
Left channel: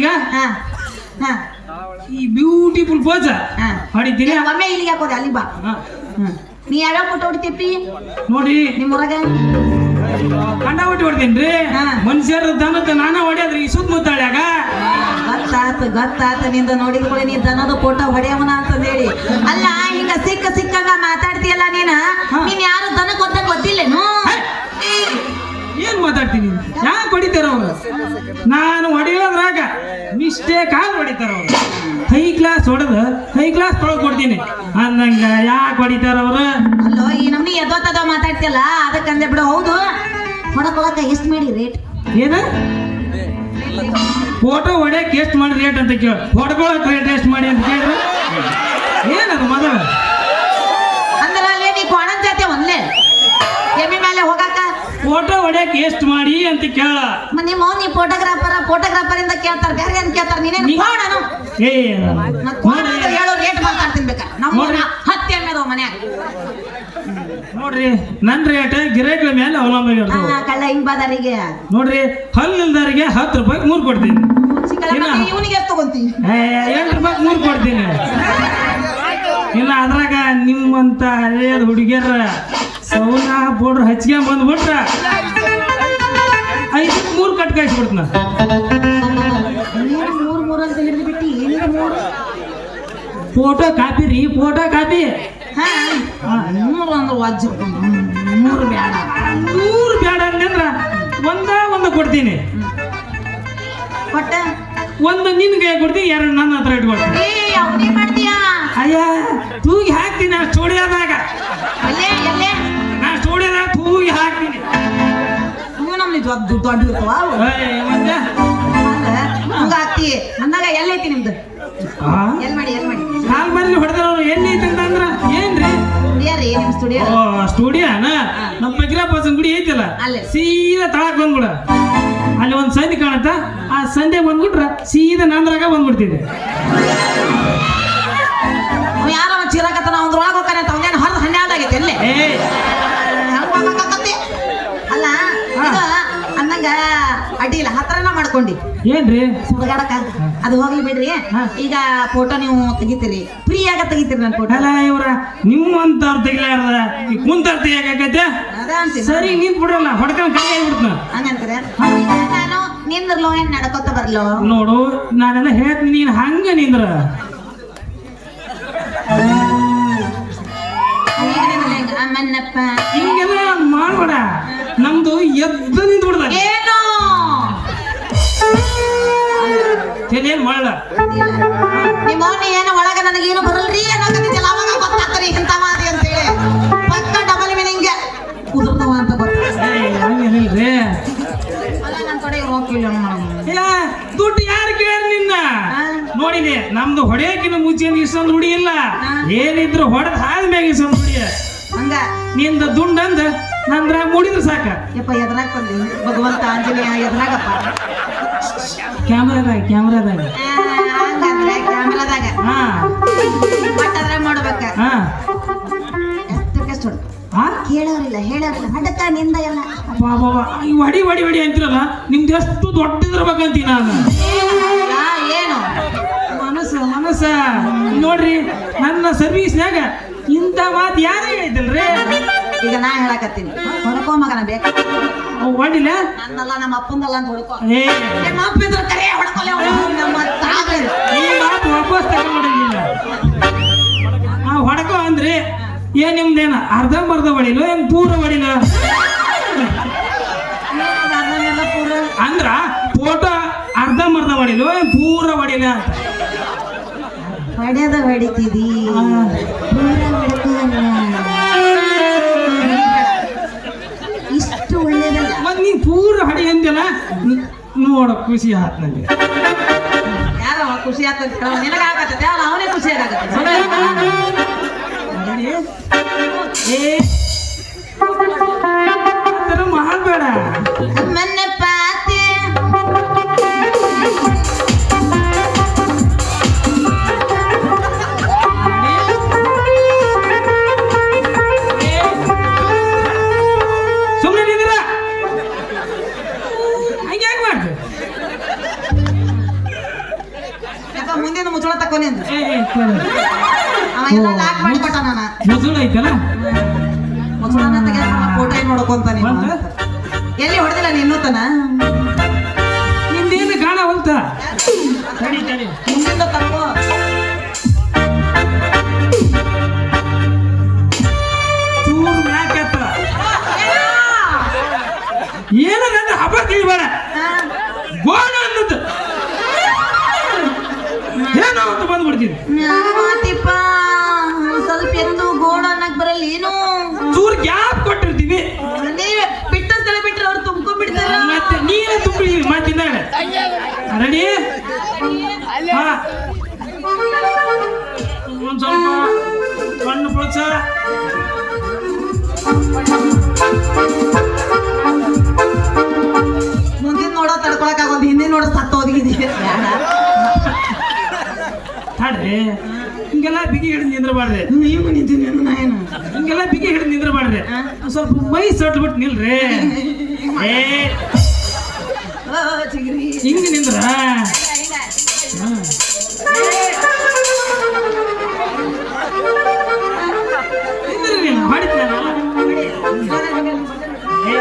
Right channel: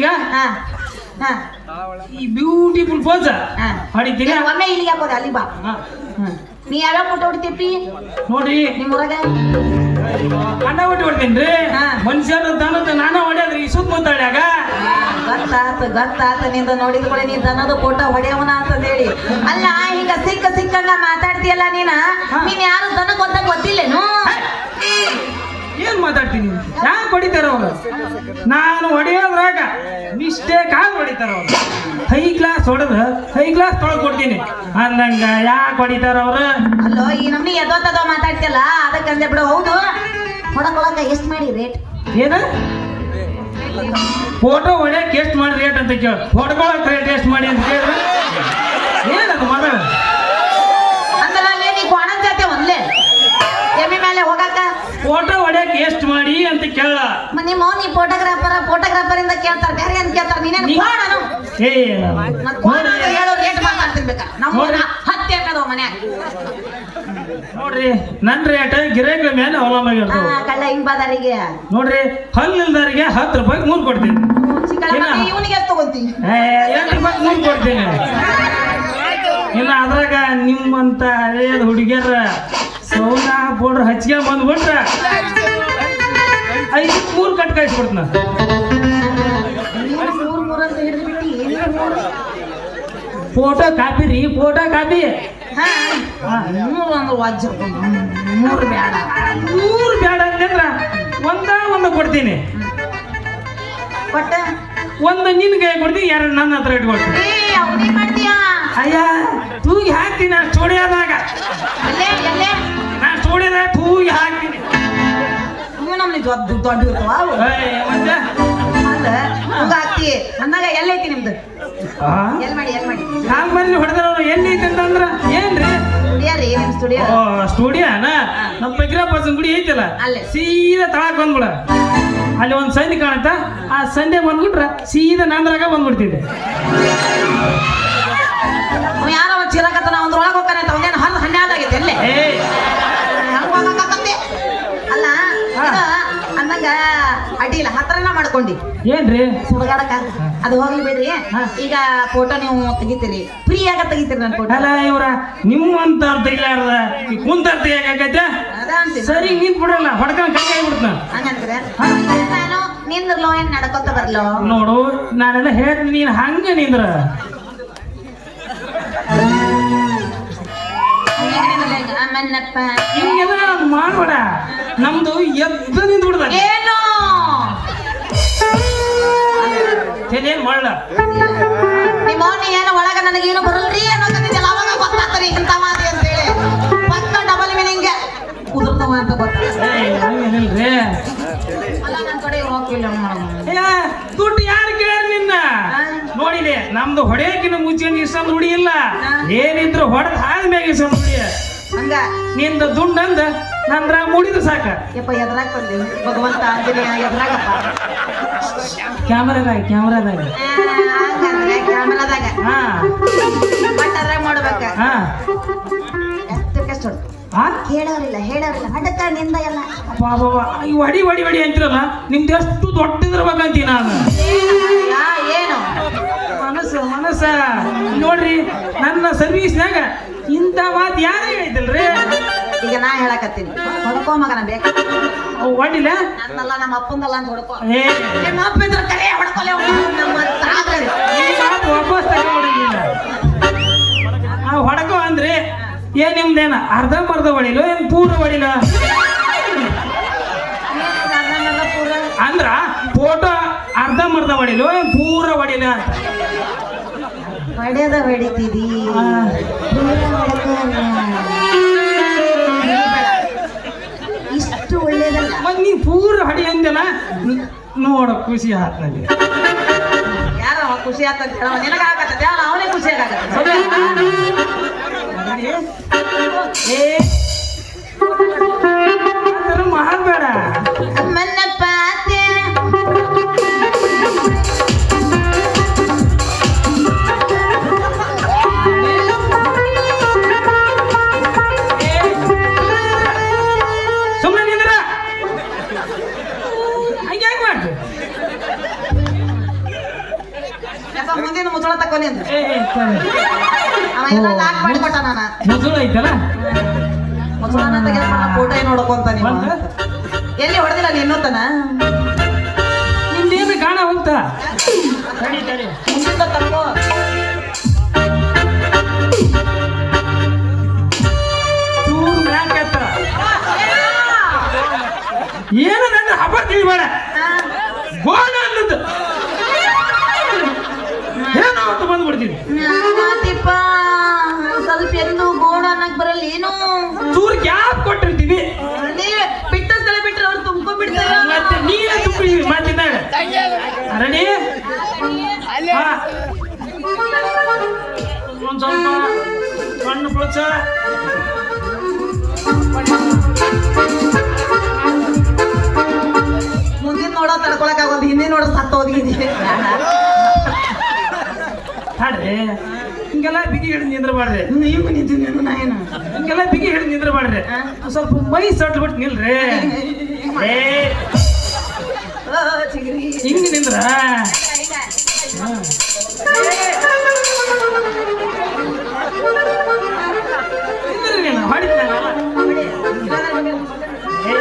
ಈಗ ಹಾ ಹಾ ಈ ಬ್ಯೂಟಿಫುಲ್ ಪೋಸ್ ಹಾ. ಹೊಡಿತೀನಿ ಒಮ್ಮೆ ಇಲ್ಲಿಗೆ ಹಾಕೋದೆ ಅಲ್ಲಿ ಬಾ ನೀ ಯಾವ್ಯಾವ ಫೋಟೋ ಹೊಡಿತೀಪಿ ನೋಡಿ ನಿಮ್ಮ ಊರಾಗ ಕಂಡ ಬಿಟ್ಟು ಬಿಡ್ತೀನಿ ಹಾ. ಮನುಷ್ಯರು ದನದ ನಾನ ಹೊಡ್ಯಾದ್ರಿ ಈ ಸುತ್ತಮುತ್ತಾಳ್ಯಾಗ ಗೊತ್ತಾತ ನಿಂದ ನೋಡಿದ ಕೂಡ ನೀ ದನದ ಫೋಟೋ ಹೊಡೆಯವನ ಅಂತ ಹೇಳಿ ಅಲ್ಲ ಹಿಂಗ ಸಿಕ್ಕಂಗ ಮಾತಾಡ್ತೀಯಲ್ಲ ನೀನ್ ಯಾರು ದನ ಗೊತ್ತಿಲ್ಲೇನು ಏನ್ ಮಾತಾಡ್ತೀನಿ ಯಾಕೆ ಹೊಡಿತಾರ ಅವ್ರು ನಾನು ಹೊಡೆಯೋದ್ರಾಗ ಮಿಸ್ಟೇಕ್ ಆಗಿ ಹೊಡಿತಾರ ಅವ್ರು ಹೈ ಕ್ಲಾಸ್ ಹೊಡೆದ ಹೈ ಕ್ಲಾಸ್ ತೊಳಗ್ ಕೊಡ್ತೀನಿ ಅಂದಂಗ ಯಾಕೆ ಹೊಡಿತಾರ ಅವ್ರು ಅಲ್ಲೋ ಈ ನಮ್ನಿ ಎದೋತದೋ ಮಾತಾಡ್ತಿಯಲ್ಲ ಅದಕ್ಕಂದೆ ಬಿಡು ಹೌದು ಹೊಡಕೊಳಕ ಎಷ್ಟು ಮಾಡಿ ರೇಟ್ ಏನ ಫೋಟೋ ಹೊಡ್ಯಕ್ ಎಷ್ಟು ಮಾಡಿ ರೇಟ್ ಅಂತ ಕೇಳ ಹೊಡ್ಕೊಳಕ್ ರೇಟ್ ಎಷ್ಟು ಮಾಡಿ ಅಂತ ಕೇಳಿದ್ರೆ ಏನದು ಮಗಳ ಅಂದ್ರೆ ಅಲ್ಲೇ ನೀ ಕೋಣ ಜಾತಿ ಒಂದ್ಲೆ ಎಮ್ಮೆ ಮೇಲೆ ಹೋಗಾಕ ಫೋಟೋ ಹೊಡ್ಯಕ್ ಎಷ್ಟು ಮಾಡಿ ಅಂತ ಕೇಳ ನಿಮ್ಮ ನೀ ಫೋಟೋಗ್ರಾಫರ್ ಇಂದ ಕೇಳ್ತಾರ ಬೇರೆ ಏನ್ ಕೇಳ್ತಾರ ನೀನೇನು ಕೋಣನು ಏ ಮತ್ ಕೋಣ ಅಂತ ಹೇಳೋ ರೇಟ್ ಮಾತಾಡ್ತೀನಿ ಬೇಕಾ ನಮ್ಮ 10 ಎಮ್ಮೆ ಅದಾವ ಮನ್ಯಾಗ ನೋಡ್ರಿ ನನ್ ರೇಟ್ ಗಿರಾಕಿ ಮೇಲೆ ಅವಲಂಬನೆ ಇರ್ತದೆ ಕಳ್ಳ ಹಿಂಗ್ ಬಾದಾರಿಗೆ ನೋಡ್ರಿ ಹಲ್ಲಿಲ್ದಾರಿಗೆ 10 ರೂಪಾಯಿ 3 ಕೊಡ್ತೀನಿ ಇವನಿಗೆ ಎಷ್ಟು ತಗೊಂತೀನಿ 8 ರೂಪಾಯಿ 3 ಕೊಡ್ತೀನಿ ಇನ್ನು ಅದ್ರಾಗ ನಿಮ್ಮಂತ ಹಳೆಯದ ಹುಡುಗಿಯರ ಸೌನ ಬೋರ್ಡ್ರ್ ಹಚ್ಚಿಗೆ ಬಂದ್ಬಿಟ್ರ 5 3 ಕಟ್ ಕಳಿಸ್ಬಿಡ್ತೀನಿ ಮೂರಂತ ಹಿಡಿದು ಬಿಟ್ಟು ಫೋಟೋ ಕಾಪಿ ರೀ ಫೋಟೋ ಕಾಪಿ ಹಾ 300 ಅಂದ್ರೆ ವಾಜ್ಯ 300 ಬೇಡ 3 ಬೇಡ ಅಂತಂದ್ರ ಒಂದು ಕೊಡ್ತೀನಿ ಒಟ್ಟ ಒಂದು ನಿನ್ಗೆ ಕೊಡ್ತೀನಿ 2 ನನ್ನ ಹತ್ರ ಇಟ್ಕೊಡ್ತೀನಿ ಅವನೇನ್ ಮಾಡ್ತೀಯಾ ಅಯ್ಯ ತೂಗಿ ಹಾಕ್ತೀನಿ ನಾ ಸ್ಟುಡಿಯೋದಾಗ ಎಲ್ಲೇ ನಾ ಸ್ಟುಡಿಯೋದಾಗ ತೂಗಿ ಹಾಕ್ತೀನಿ ನೀವು ನಮ್ಗೆ ದೊಡ್ಡ ಇರ್ತಾವ ಅವು. ಮತ್ತೆ ಅಲ್ಲ, ಹಂಗ ಹಾಕ್ತಿ ಅಂದಾಗ ಎಲ್ಲೈತಿ ನಿಮ್ದು ಎಲ್ ಮಾಡಿ ಕಾಲ್ ಮೇಲೆ ಹೊಡೆದವ್ರು ಎಲ್ಲಿ ಐತೆ ಅಂತಂದ್ರ ಏನ್ರಿ ಸ್ಟುಡಿಯೋ ರೀ ನಿಮ್ ಸ್ಟುಡಿಯೋ ಸ್ಟುಡಿಯೋನ ನಮ್ಮ ಬಿಗ್ರಾಪಸನ್ ಗುಡಿ ಐತಿಲ್ಲ ಅಲ್ಲೇ. ಸೀದಾ ತಳಕ್ ಬಂದ್ಬಿಡ ಅಲ್ಲಿ ಒಂದು ಸಂಧಿ ಕಾಣುತ್ತ ಆ ಸಂಧೆ ಬಂದ್ಬಿಟ್ರ ಸೀದಾ ನಂದ್ರಾಗ ಬಂದ್ಬಿಡ್ತಿದ್ದೆ ಯಾರೋ ಒಂದು ಚಿರಾಕತ್ತನ ಒಂದ್ರೊಳಗೆ ಹೋಗ್ತಾನೆ ಅಂತ ಒಂದೇನು 12 ಆಗೈತೆ ಎಲ್ಲೇ ಏ ಅಲ್ಲ ಇದು ಅಂದಂಗ ಅಡ್ಡಿಲ್ಲ ಹತ್ರನ ಮಾಡ್ಕೊಂಡಿ ಏನ್ರಿ ಸುಡಗಾಡಕ ಅದು ಹೋಗ್ಲಿ ಬಿಡ್ರಿ ಈಗ ಫೋಟೋ ನೀವು ತೆಗಿತೀರಿ ಫ್ರೀಯಾಗ ತೆಗಿತೀರಿ ನನ್ನ ಫೋಟೋ ಅಲ್ಲ ಇವ್ರ ನಿಮ್ಮಂತ ತೆಗಿಲಾರ್ದ ಈ ಕುಂತಾರ ತೆಗಿಯಾಕೈತೆ ಅದ ಅಂತೀನಿ ಸರಿ ನಿಂತ್ ಬಿಡಲ್ಲ ಹೊಡ್ಕೊಂಡ್ ಕೈ ಆಗ್ಬಿಡ್ತಾನ ಹಂಗಂದ್ರೆ ನಾನು ನಿಂದ್ರಲೋ ಏನ್ ನಡ್ಕೊತ ಬರ್ಲೋ ನೋಡು ನಾನೆಲ್ಲ ಹೇಳ್ತೀನಿ ನೀನ್ ಹಂಗ ನಿಂದ್ರ ಅಮ್ಮನ್ನಪ್ಪ ಹಿಂಗೆಲ್ಲ ಮಾಡ್ಬೇಡ ನಮ್ದು ಎದ್ದು ನಿಂತು ಬಿಡ್ದ ಏನು ಏನ್ ಮಾಡಲ್ಲ ನಿಮ್ಮ ಮೌನಿ ಏನು ಒಳಗ ನನಗೇನು ಬರಲ್ರಿ ಅನ್ನೋಕತ್ತಿದ್ದಲ್ಲ ಅವಾಗ ಗೊತ್ತಾಗ್ತಾರೆ ಇಂಥ ಮಾತಿ ಅಂತೇಳಿ ಪಕ್ಕ ಡಬಲ್ ಮೀನಿಂಗ್ ಉದುರ್ತಾವ ಅಂತ ಹಂಗೇನಿಲ್ರಿ ಅಲ್ಲ ನನ್ನ ಕಡೆ ಹೋಗಿಲ್ಲ ದುಡ್ಡು ಯಾರು ಕೇಳ್ಯಾರ ನಿನ್ನ ನೋಡಿಲಿ ನಮ್ದು ಹೊಡೆಯಕಿನ ಮುಂಚೆ ಇಷ್ಟೊಂದು ಹುಡಿ ಇಲ್ಲ ಏನಿದ್ರು ಹೊಡೆದ ಆದ್ಮ್ಯಾಗ ಇಷ್ಟೊಂದು ಹುಡಿ ಹಂಗ ನಿಂದ ದುಂಡಂದ ನಂದ್ರ ಮುಡಿದ್ರು ಸಾಕ ಯಪ್ಪ ಎದ್ರಾಗ್ತಂದೆ ಭಗವಂತ ಆಂಜನೇಯ ಎದ್ರಾಗತ್ತ ಕ್ಯಾಮ್ರಾದಾಗ ಹಂಗಂದ್ರೆ ಕ್ಯಾಮರಾದಾಗ ಹಾ ಬಟ್ ಅದ್ರಾಗ ಮಾಡ್ಬೇಕ ಹಾ ಎಷ್ಟೆಷ್ಟು ಹಾ ಹೇಳೋರಿಲ್ಲ ಹಡಕ ನಿಂದ ಎಲ್ಲ ಬಾಬಾ ಈ ಹೊಡಿ ಅಂತಿರಲ್ಲ ನಿಮ್ದು ಎಷ್ಟು ದೊಡ್ಡದಿರ್ಬೇಕಂತೀನಿ ನಾನು ಏನು ಮನಸ್ಸ ನೋಡ್ರಿ ನನ್ನ ಸರ್ವೀಸ್ನಾಗ ಇಂಥ ಮಾತು ಯಾರು ಹೇಳಿದ್ದಲ್ರಿ ಈಗ ನಾ ಹೇಳಕತ್ತೀನಿ ಹೊಡ್ಕೋ ಮಗನ ಬೇಕು ಹೊಡಿಲ್ಲ ನನ್ನಲ್ಲ ನಮ್ಮ ಅಪ್ಪಂದಲ್ಲ ಅಂತ ಹೊಡ್ಕೋ ಏ ನಮ್ಮ ಅಪ್ಪ ಇದ್ರ ಕರೆ ಹೊಡ್ಕೊಲೆ ನಮ್ಮ ತಾಗ್ರಿ. ಈ ಮಾತು ವಾಪಸ್ ತಗೊಂಡಿಲ್ಲ ನಾವು ಹೊಡಕೋ ಅಂದ್ರೆ ಏನ್ ನಿಮ್ದೇನ ಅರ್ಧಂಬರ್ಧ ಹೊಡಿಲು ಏನ್ ಪೂರ್ಣ ಹೊಡಿಲ ಅಂದ್ರ ಫೋಟೋ ಅರ್ಧಂಬರ್ಧ ಹೊಡಿಲು ಏನ್ ಪೂರ್ಣ ಹೊಡಿಲ ಹೊಡೆದ ಹೊಡಿತಿದಿ ಇಷ್ಟು ಒಳ್ಳೇದಲ್ಲ ಮತ್ ನೀನ್ ಪೂರ್ಣ ಹೊಡಿ ಅಂತೆಲ್ಲ ನೋಡ ಖುಷಿ ಆತ್ ನಂಗೆ ಯಾರೋ ಖುಷಿ ಆಗ್ತದೆ ನಿನಗ ಆಗತ್ತೆ ಅವನೇ ಖುಷಿ ಆಗತ್ತೆ ಏ ಆ ಥರ ಮಾಡಬೇಡ ನನ್ನ ಪಾತೆ ಸುಮ್ಮನೆ ನಿಂದ್ರ ಹಂಗೆ ಯಾಕೆ ಮಾಡ್ತು ನೋಡ್ಕೊಂತ ನೀವು ಬಂತ? ಎಲ್ಲಿ ಹೊಡೆದಿಲ್ಲ ನಿನ್ನೋತನ ನಿಂದೇನು ಕಾಣ ಹೊಲ್ತ ತಡಿ ತಡಿ ಮುಂದಿಂದ ತಪ್ಪು ಚೂರು ಮ್ಯಾಕ್ ಎತ್ತರ. ಏನು ನನ್ನ ಹಬ್ಬ ತಿಳಿಬೇಡ ಗೋಣ ಅನ್ನದ್ದು ಏನೋ ಅಂತ ಬಂದ್ಬಿಡ್ತೀನಿ. ಮಾತಿಪ್ಪ ಸ್ವಲ್ಪ ಎತ್ತು ಗೋಣ ಅನ್ನಕ್ ಬರಲ್ಲ ಏನು ಚೂರು ಗ್ಯಾಪ್ ಕೊಟ್ಟಿರ್ತೀವಿ ಅದೇ ಬಿಟ್ಟು ಸ್ಥಳ ಬಿಟ್ರೆ ಅವ್ರು ತುಂಬ್ಕೊಂಡ್ಬಿಡ್ತಾರ ಮತ್ತೆ ನೀರು ತುಂಬಿ ಮಾತಿದ್ದಾಗ ರೆಡಿ ಒಂದ್ ಸ್ವಲ್ಪ ಒಂದು ಪ್ಲಸ್ ಮುಂದಿನ ನೋಡೋ ತಡ್ಕೊಳಕ್ ಆಗೋದು ಹಿಂದೆ ನೋಡೋ ಸತ್ತ ಹೋಗಿದೀವಿ ಹಾಡ್ರಿ ಹಿಂಗೆಲ್ಲ ಬಿಗಿ ಹಿಡಿದು ನಿಂದ್ರಬಾರ್ರಿ. ನೀವು ನಿಂತೀನಿ ನಾನು ಹಿಂಗೆಲ್ಲ ಬಿಗಿ ಹಿಡಿದು ನಿಂದ್ರಬಾರ್ರಿ. ಸ್ವಲ್ಪ ಮೈ ಸಟ್ಬಿಟ್ಟು ನಿಲ್ರಿ. ಏ ಚಿಗ್ರಿ ಹಿಂಗ ನಿಂದ್ರ ನಿಂದ್ರಿ ನೀನು ಮಾಡಿದ್ನಲ್ಲ. ಏ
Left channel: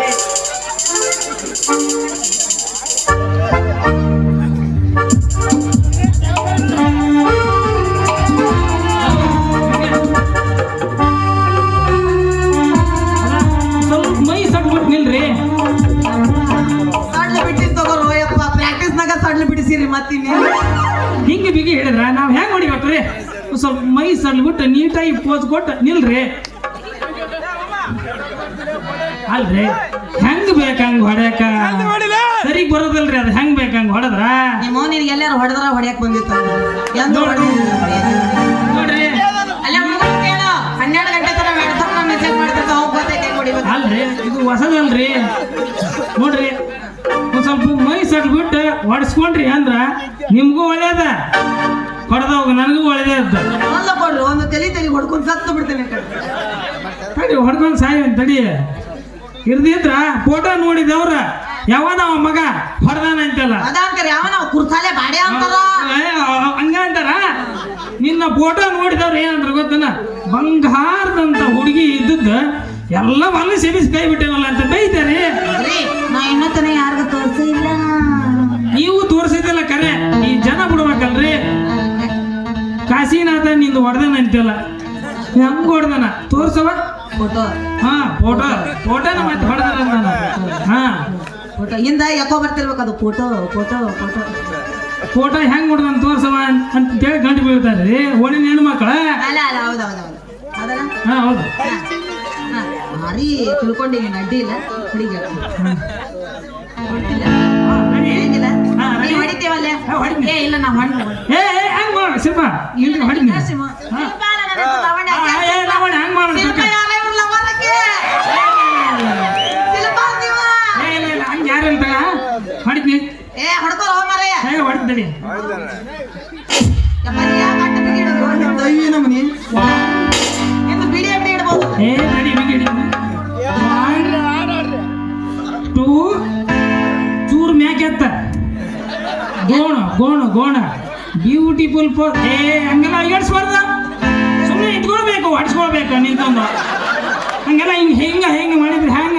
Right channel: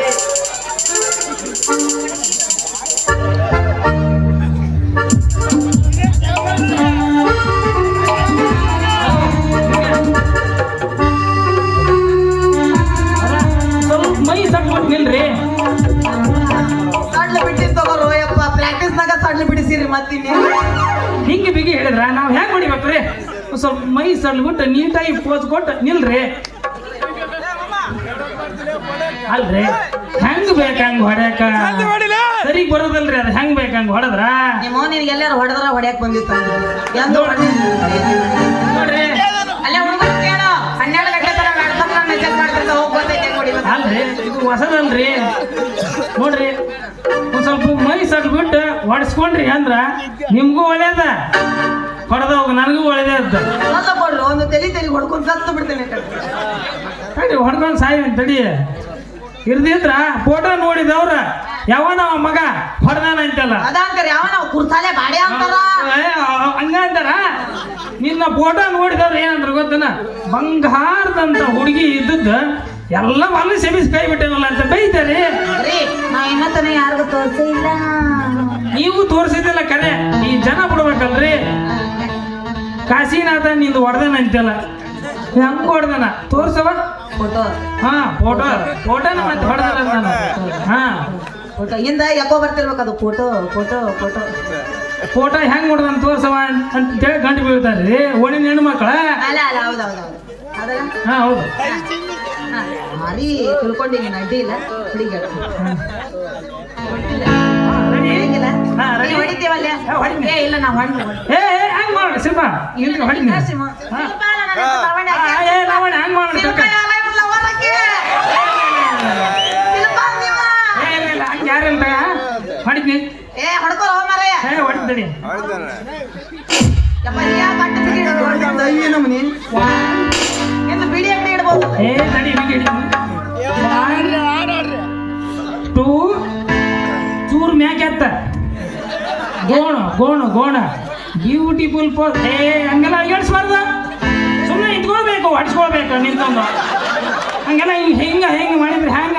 ಸ್ವಲ್ಪ ಮೈ ಸಟ್ಬಿಟ್ಟು ನಿಲ್ರಿ. ಸಡ್ಲು ಬಿಟ್ಟಿದ್ ತಗೋರು ಯಪ್ಪ ಪ್ರಾಕ್ಟೀಸ್ನಾಗ ಸಡ್ಲು ಬಿಡಿಸಿರಿ ಮತ್ತಿನ್ನಿ ಹಿಂಗೆ ಬಿಗಿ ಹೇಳಿದ್ರ ನಾವ್ ಹೆಂಗ್ ಹೊಡಿಬೇಕ್ರಿ? ಸ್ವಲ್ಪ ಮೈ ಸಡ್ಬಿಟ್ಟು ನೀಟಾಗಿ ಪೋಸ್ ಕೊಟ್ಟು ನಿಲ್ರಿ. ಅಲ್ರಿ ಹೆಂಗ್ ಬೇಕಂಗ್ ಹೊಡ್ಯಾಕ ಸರಿಗ್ ಬರೋದಲ್ರಿ ಅದು ಹೆಂಗ್ ಬೇಕಂಗ್ ಹೊಡೆದ್ರ ನಿಮ್ಮ ನಿನಗೆ ಎಲ್ಲಾರು ಹೊಡೆದ್ರ ಹೊಡ್ಯಾಕ್ ಬಂದಿತ್ತ ಎಂದು ನೋಡ್ರಿ. ಅಲ್ಲೇ ಹೋಗಿ ಕೇಳು 12 ಗಂಟೆ ತರ ಮಾಡ್ಕೊಂಡು ಮೆಸೇಜ್ ಮಾಡ್ತಿರ್ತ ಹೋಗಿ ಗೊತ್ತೈತೆ ಹೊಡಿಬೇಕು ಅಲ್ರಿ ಇದು ಹೊಸದಲ್ರಿ. ನೋಡ್ರಿ ಒಂದ್ ಸ್ವಲ್ಪ ಮೈ ಸಟ್ಬಿಟ್ಟು ಹೊಡ್ಸ್ಕೊಂಡ್ರಿ ಅಂದ್ರ ನಿಮ್ಗೂ ಒಳ್ಳೇದ ಹೊಡೆದವಾಗ ನನಗೂ ಒಳ್ಳೇದೇ ಇದ್ದ. ಒಂದು ಕೊಡ್ರು ಒಂದು ತಲೆ ಹೊಡ್ಕೊಂಡು ಸತ್ತು ಬಿಡ್ತೇನೆ ತಡಿ ಹೊಡ್ಕೊಂಡು ಸಾಯಿ ತಡಿ ಇರ್ದಿದ್ರ ಫೋಟೋ ನೋಡಿದವ್ರ ಯಾವನ ಮಗ ಹೊಡೆದಾನ ಅಂತಲ್ಲ ಅದಂಕರ್ ಯಾವನ ಕುರ್ತಾಲೆ ಬಾಡೆ ಅಂತಾರ ಹಂಗ ಅಂತಾರ. ನಿನ್ನ ಫೋಟೋ ನೋಡಿದವ್ರು ಏನಂದ್ರ ಗೊತ್ತನ ಬಂಗಾರದಂತ ಹುಡುಗಿ ಇದ್ದದ್ದು ಎಲ್ಲ ಮಲ್ಲ ಸೆಬಿಸ್ ಕೈ ಬಿಟ್ಟೇವಲ್ಲ ಅಂತ ಬೈತಾರೆ. ನಾ ಇನ್ನತನ ಯಾರಿಗೂ ತೋರಿಸಿಲ್ಲ ನೀವು ತೋರಿಸಿದಿಲ್ಲ ಕರೆ ಈ ಜನ ಬಿಡ್ಬೇಕಲ್ರಿ. ಕಾಶಿನಾಥ ನಿಂದು ಹೊಡೆದನ ಅಂತಲ್ಲ ಹೆಂಗ್ ಹೊಡೆದನ ತೋರ್ಸವ ಫೋಟೋ ಹಾ ಫೋಟೋನ ಮತ್ತೆ ಹೊಡೆದ ಹಾ ಫೋಟೋ ಇಂದ ಯಾಕೋ ಬರ್ತಿರ್ಬೇಕು ಅದು ಫೋಟೋ ಫೋಟೋ ಫೋಟೋ ಫೋಟೋ ಹೆಂಗ್ ಹೊಡೆದನ್ ತೋರ್ಸವ ಅಂತೇಳಿ ಗಂಟು ಬೀಳ್ತಾರ್ರಿ ಓಣಿನ ಹೆಣ್ಮಕ್ಳ. ಅಲ್ಲ ಅಲ್ಲ ಹೌದೌದು ಅದಲ್ಲ ಹಾ ಹೌದು ಮರಿ ತಿಳ್ಕೊಂಡಿ ನೀನು ಅಡ್ಡಿ ಇಲ್ಲ ಹುಡುಗಿ ಹೊಡಿತಿಲ್ಲ ಹೇಗಿಲ್ಲ ಹಾ, ready? ಹೊಡಿತೀವಲ್ಲ ಹಾ, ಹೊಡಿತೀನಿ. ಏ ಇಲ್ಲ ನಾವು ಹೊಣ್ಣ ಏ ಹೆಂಗ್ ಮಾಡಿ ಶಿಲ್ಪ ಇಲ್ರಿ ಹೊಡಿನಿ. ಏ ಲವಣ ಹಂಗ್ ಮಾಡಿ ಇಲ್ಲ ಹಂಗ ಯಾರಂತ ಹೊಡಿತೀನಿ. ಏ ಹೊಡ್ಕೋ ಮರೇ ಏ ಹೊಡಿತೀನಿ. ಎಂದು ಬಿಡಿ ಅಂಗಡಿ ಇಡ್ಬೋದು ಏ ತಡಿ ಬಿಗಿ ಹಿಡಿತೀನಿ. 1 2 ಚೂರ್ ಮ್ಯಾಕೆ ಅತ್ತ ಗೋಣ ಬ್ಯೂಟಿಫುಲ್ ಪೋಸ್. ಏ ಹಂಗೆಲ್ಲ ಅಯ್ಯಾಡ್ಸ್ಬಾರ್ದು ಸುಮ್ಮನೆ ಇಟ್ಕೊಳ್ಬೇಕು ಅಡ್ಸ್ಕೊಳ್ಬೇಕು ನಿಂತ್ಕೊಂಡು ಹಂಗೆಲ್ಲ ಹಿಂಗೆ ಮಾಡಿದ್ರೆ ಹೆಂಗ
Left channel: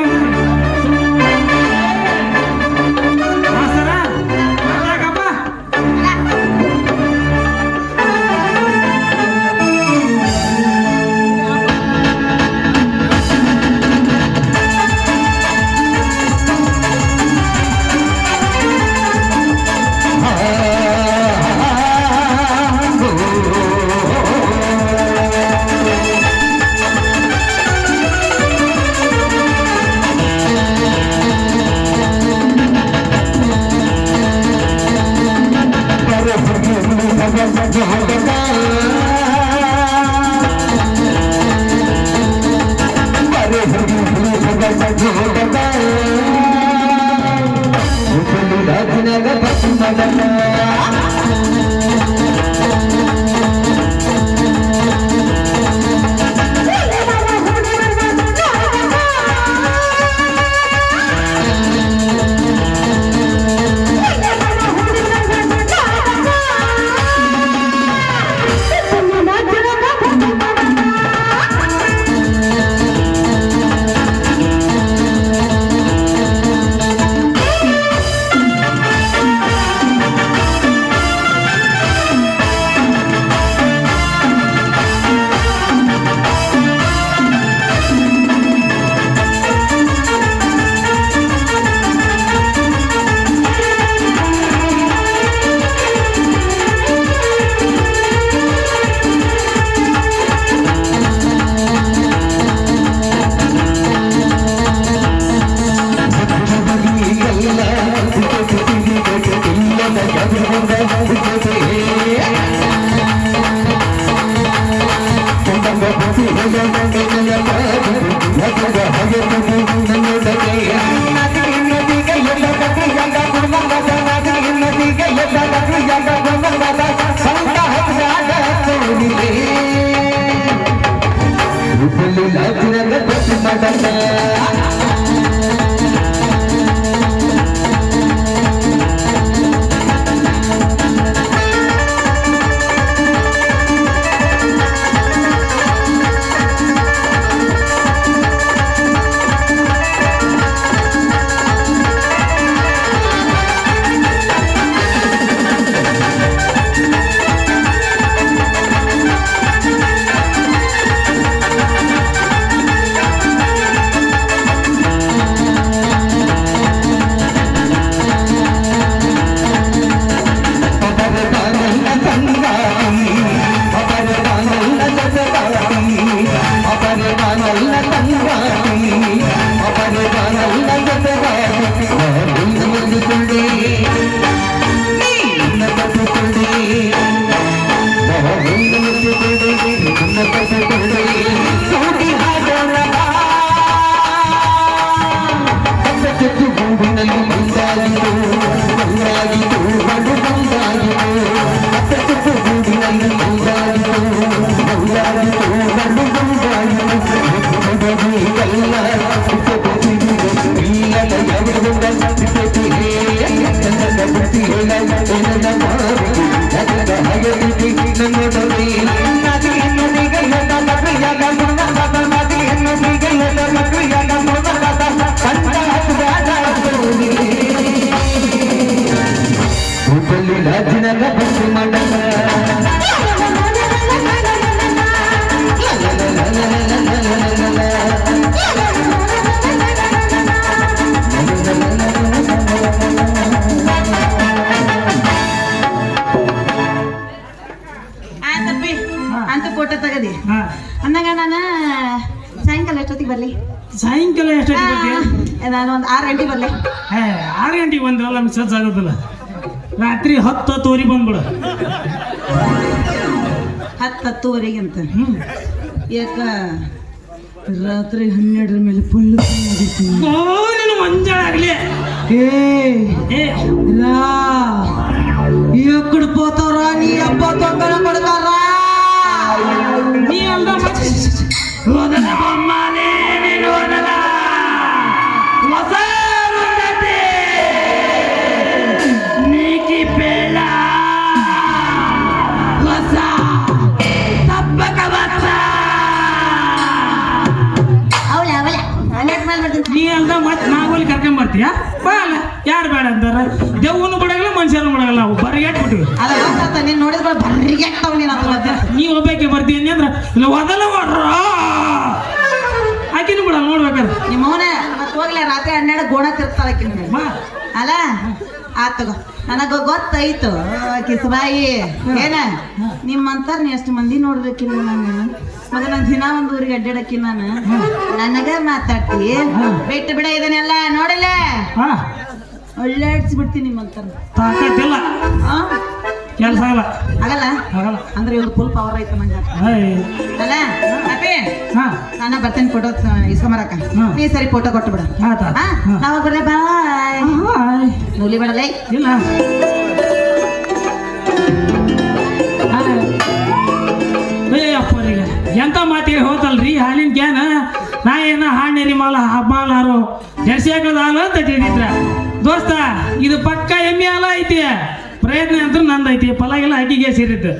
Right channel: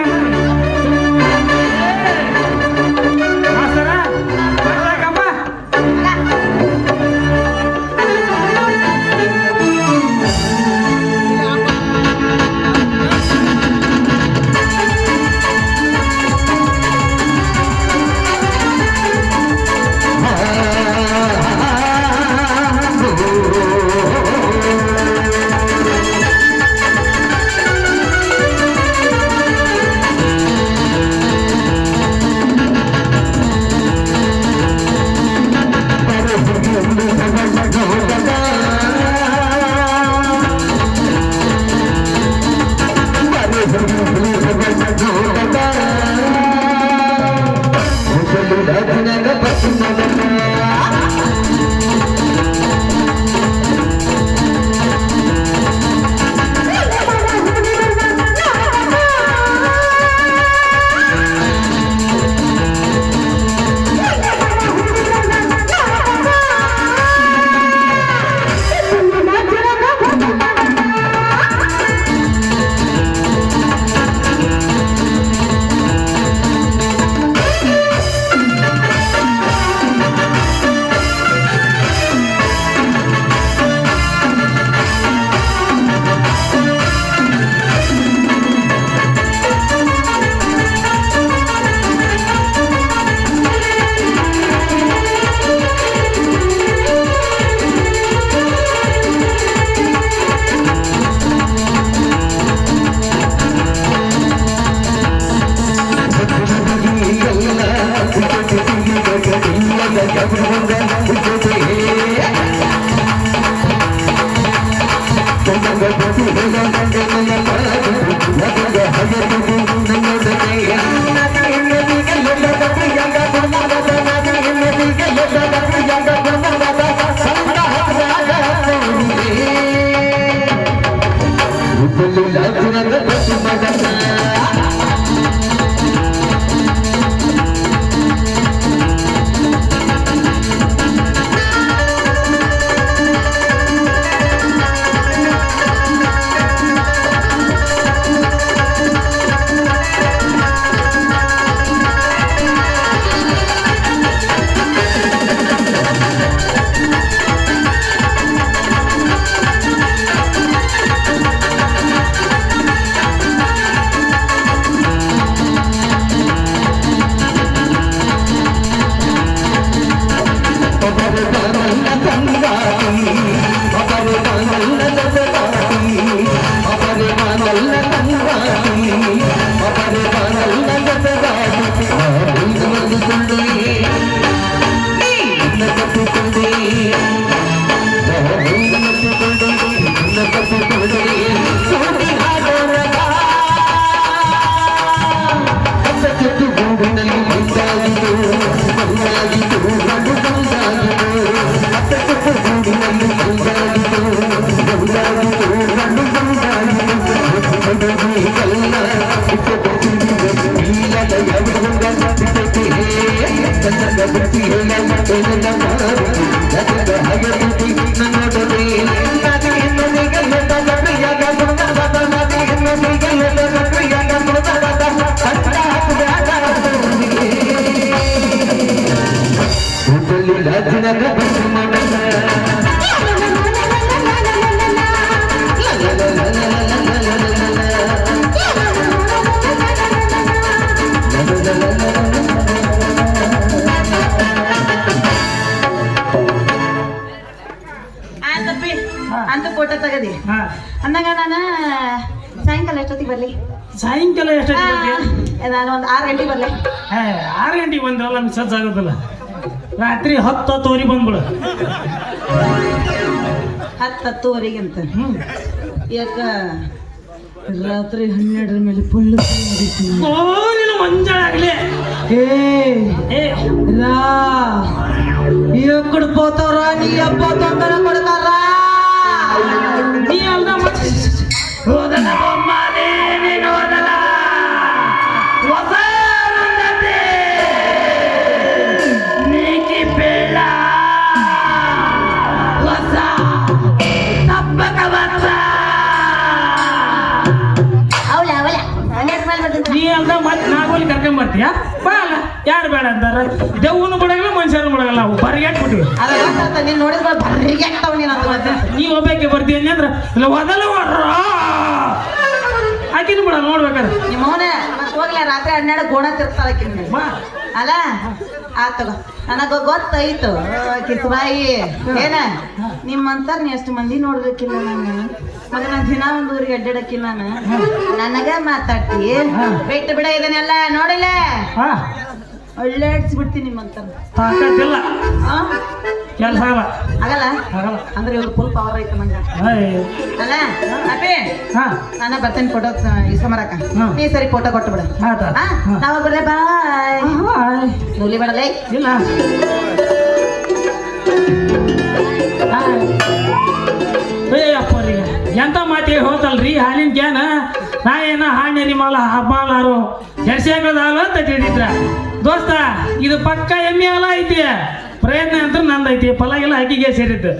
ಆಯ್ತಪ್ಪಿ ಅಂತ ಫೋಟೋ ತಗದಿ ಹಾ ಅಂದಾಗ ನಾನು ಸಾಯಂಕಾಲ ಎಷ್ಟೊತ್ತಿಗೆ ಬರ್ಲಿ ಸಾಯಂಕಾಲ ಎಷ್ಟೊತ್ತಿಗೆ ಬರ್ತೀಯ? ನಾನು ಒಂದು 6 ಗಂಟೆಗೆ ಬರ್ಲಿ 6 ಗಂಟೆಗೆ ಬಂದ್ರಲ್ಲ ನಮ್ಗೆ ಸಜ್ಜ ಆಗೋದಿಲ್ಲ. ರಾತ್ರಿ 10-10 ಬಂದ್ಬಿಡು. 10-10ವರೆಗೆ ಅಂತ ಹ್ಮ್ ಯಾಕ ರಾತ್ರಿ 12 ಮೇಲೆ ಫುಲ್ ನೀನು ಮಂಜಾಗಲಿ ఏ రా ఎక్కడ పోతారా నీ అబ్బా తొందర కొడతారా ನೀ ಅಲ್ದ ಓದಲ ಬೊಮ್ಮನೆ ನೀನು ಓದಲ ಹೊಸ ನುಂಗತೆ ನೀಕಿ ಬೇಡ ಹೊಸ ತಪ್ಪಕ ಬತ್ತ ಅವಳೆ ಅವಳೆ ಹನ್ನೆರಡು ಮೇಲೆ ಬರ್ತಂತ ನೀ ಅಲ್ದ ಮತ್ತೆ ನಾಗೋಲಿ ಕರ್ಕೊಂಡ್ ಬರ್ತೀಯ ಬಾ ಅಲ್ಲ ಯಾರು ಬೇಡ ಅಂತಾರ ದೇವ್ನು ಬಿಡಗಲ್ಲ ಮನುಷ್ಯನು ಬಿಡಗಲ್ಲ ನಾವು ಬರಿಗೆಟ್ಬಿಟ್ಟಿವಿ ಅದ ಗೊತ್ತಾತ ನೀನು ನೋಡಿದ್ರೆ ಬರ್ರಿಗೆಟ್ಟವ್ ನೀನು ಅಂತ ಮತ್ತೆ ನೀ ಒಬ್ಬಕ್ಕೆ ಬರ್ತೀನಿ ಅಂದ್ರೆ ಇಲ್ಲ ಒದಲ ಮಾಡ್ರ ಆಕಿನ ಬಿಡ ನೋಡ್ಬೇಕಾರೆ ನಿಮ್ಮ ಅವನ ಮತ್ತೆ ಹೋಗ್ಲಿ ರಾತ್ರಿ 12 ಗೋಣ ತಿರ್ತಾರ ಆಕಿನ ಬಾ ಅಲ್ಲ ಆತ್ ತಗೋ ನನಗ ಗೊತ್ತಾಯ್ತು ಕಿಸಬಾಯಿ ಏನ ನಿಮ್ಮಂತಾರ ನೀ ಎಷ್ಟು ಮಂದಿ ನೋಡ್ಬೇಕಿಲ್ಲ ನಾನು ಮಗ ನಾನು ದಿನ ಒಂದು ಊರಿಗೆ ಅಡ್ಡಾಡಕ್ಕಿಲ್ಲ ನಾನು ನನಗ ಮಾತಾಡ್ತಿ ಬಿಟ್ಟ ಬಿಡ ಇದನ್ನೆಲ್ಲ ನೋಡಲೇ ಹಾ ಅಳ್ಳಾಡ್ಸ್ಬಿಡ್ತೀನಿ ನಿಮ್ಮಂತಾರ ತಾಕತ್ತಿಲ್ಲ ಕೆಲಸ ಅಲ್ಲ ಆಗಲ್ಲ ಆಗಲ್ಲ ಅಂದ್ರೆ ಇವ್ರು ಫುಲ್ ಪವರ್ ಐತೆ ನಂಗೆ ಅಯ್ಯೋ. ಅಲ್ಲ ಅಪ್ಪಿ ಹಾ ನಾನು ಬರ್ತೇನೆ ಫೋಟೋ ಇಸ್ಕೊಂಬರಕ ನೀ ಸರಿ ಫೋಟೋ ಕೊಟ್ಟು ಬಿಡ ಆತ ನಾವ ಬರ್ರಿ ಬಾಯ್ ನುಲಿ ಮಾಡಲೇ ಇಲ್ಲ ಅಪ್ಪರಿಗೆ ಎಂತ ಮಾತಿ ಹೋತಲ್ರಿ ಹಾಲಿನ ಕ್ಯಾನ ನಾ ಏನ ಹಾಣ್ಣೆ ನಿಮ್ಮಲ್ಲ ಹಬ್ಬಾಲಾರು ಜರ್ಸಿ ಹಾಕೋದು ಹಾಲು ಅಂತ ತಿಳಿದಿದ್ರ ದೋಸ್ತ ಇದು ಪಕ್ಕ ಎಮ್ಮೆ ಹಾಲ ಐತಿ ಪ್ರಯತ್ನ ಅಂತ ನಂದೈತಿ ಫಲ ಎಲ್ಲ ಅಕ್ಕಿಗೆ ಸೇರಿತ್ತು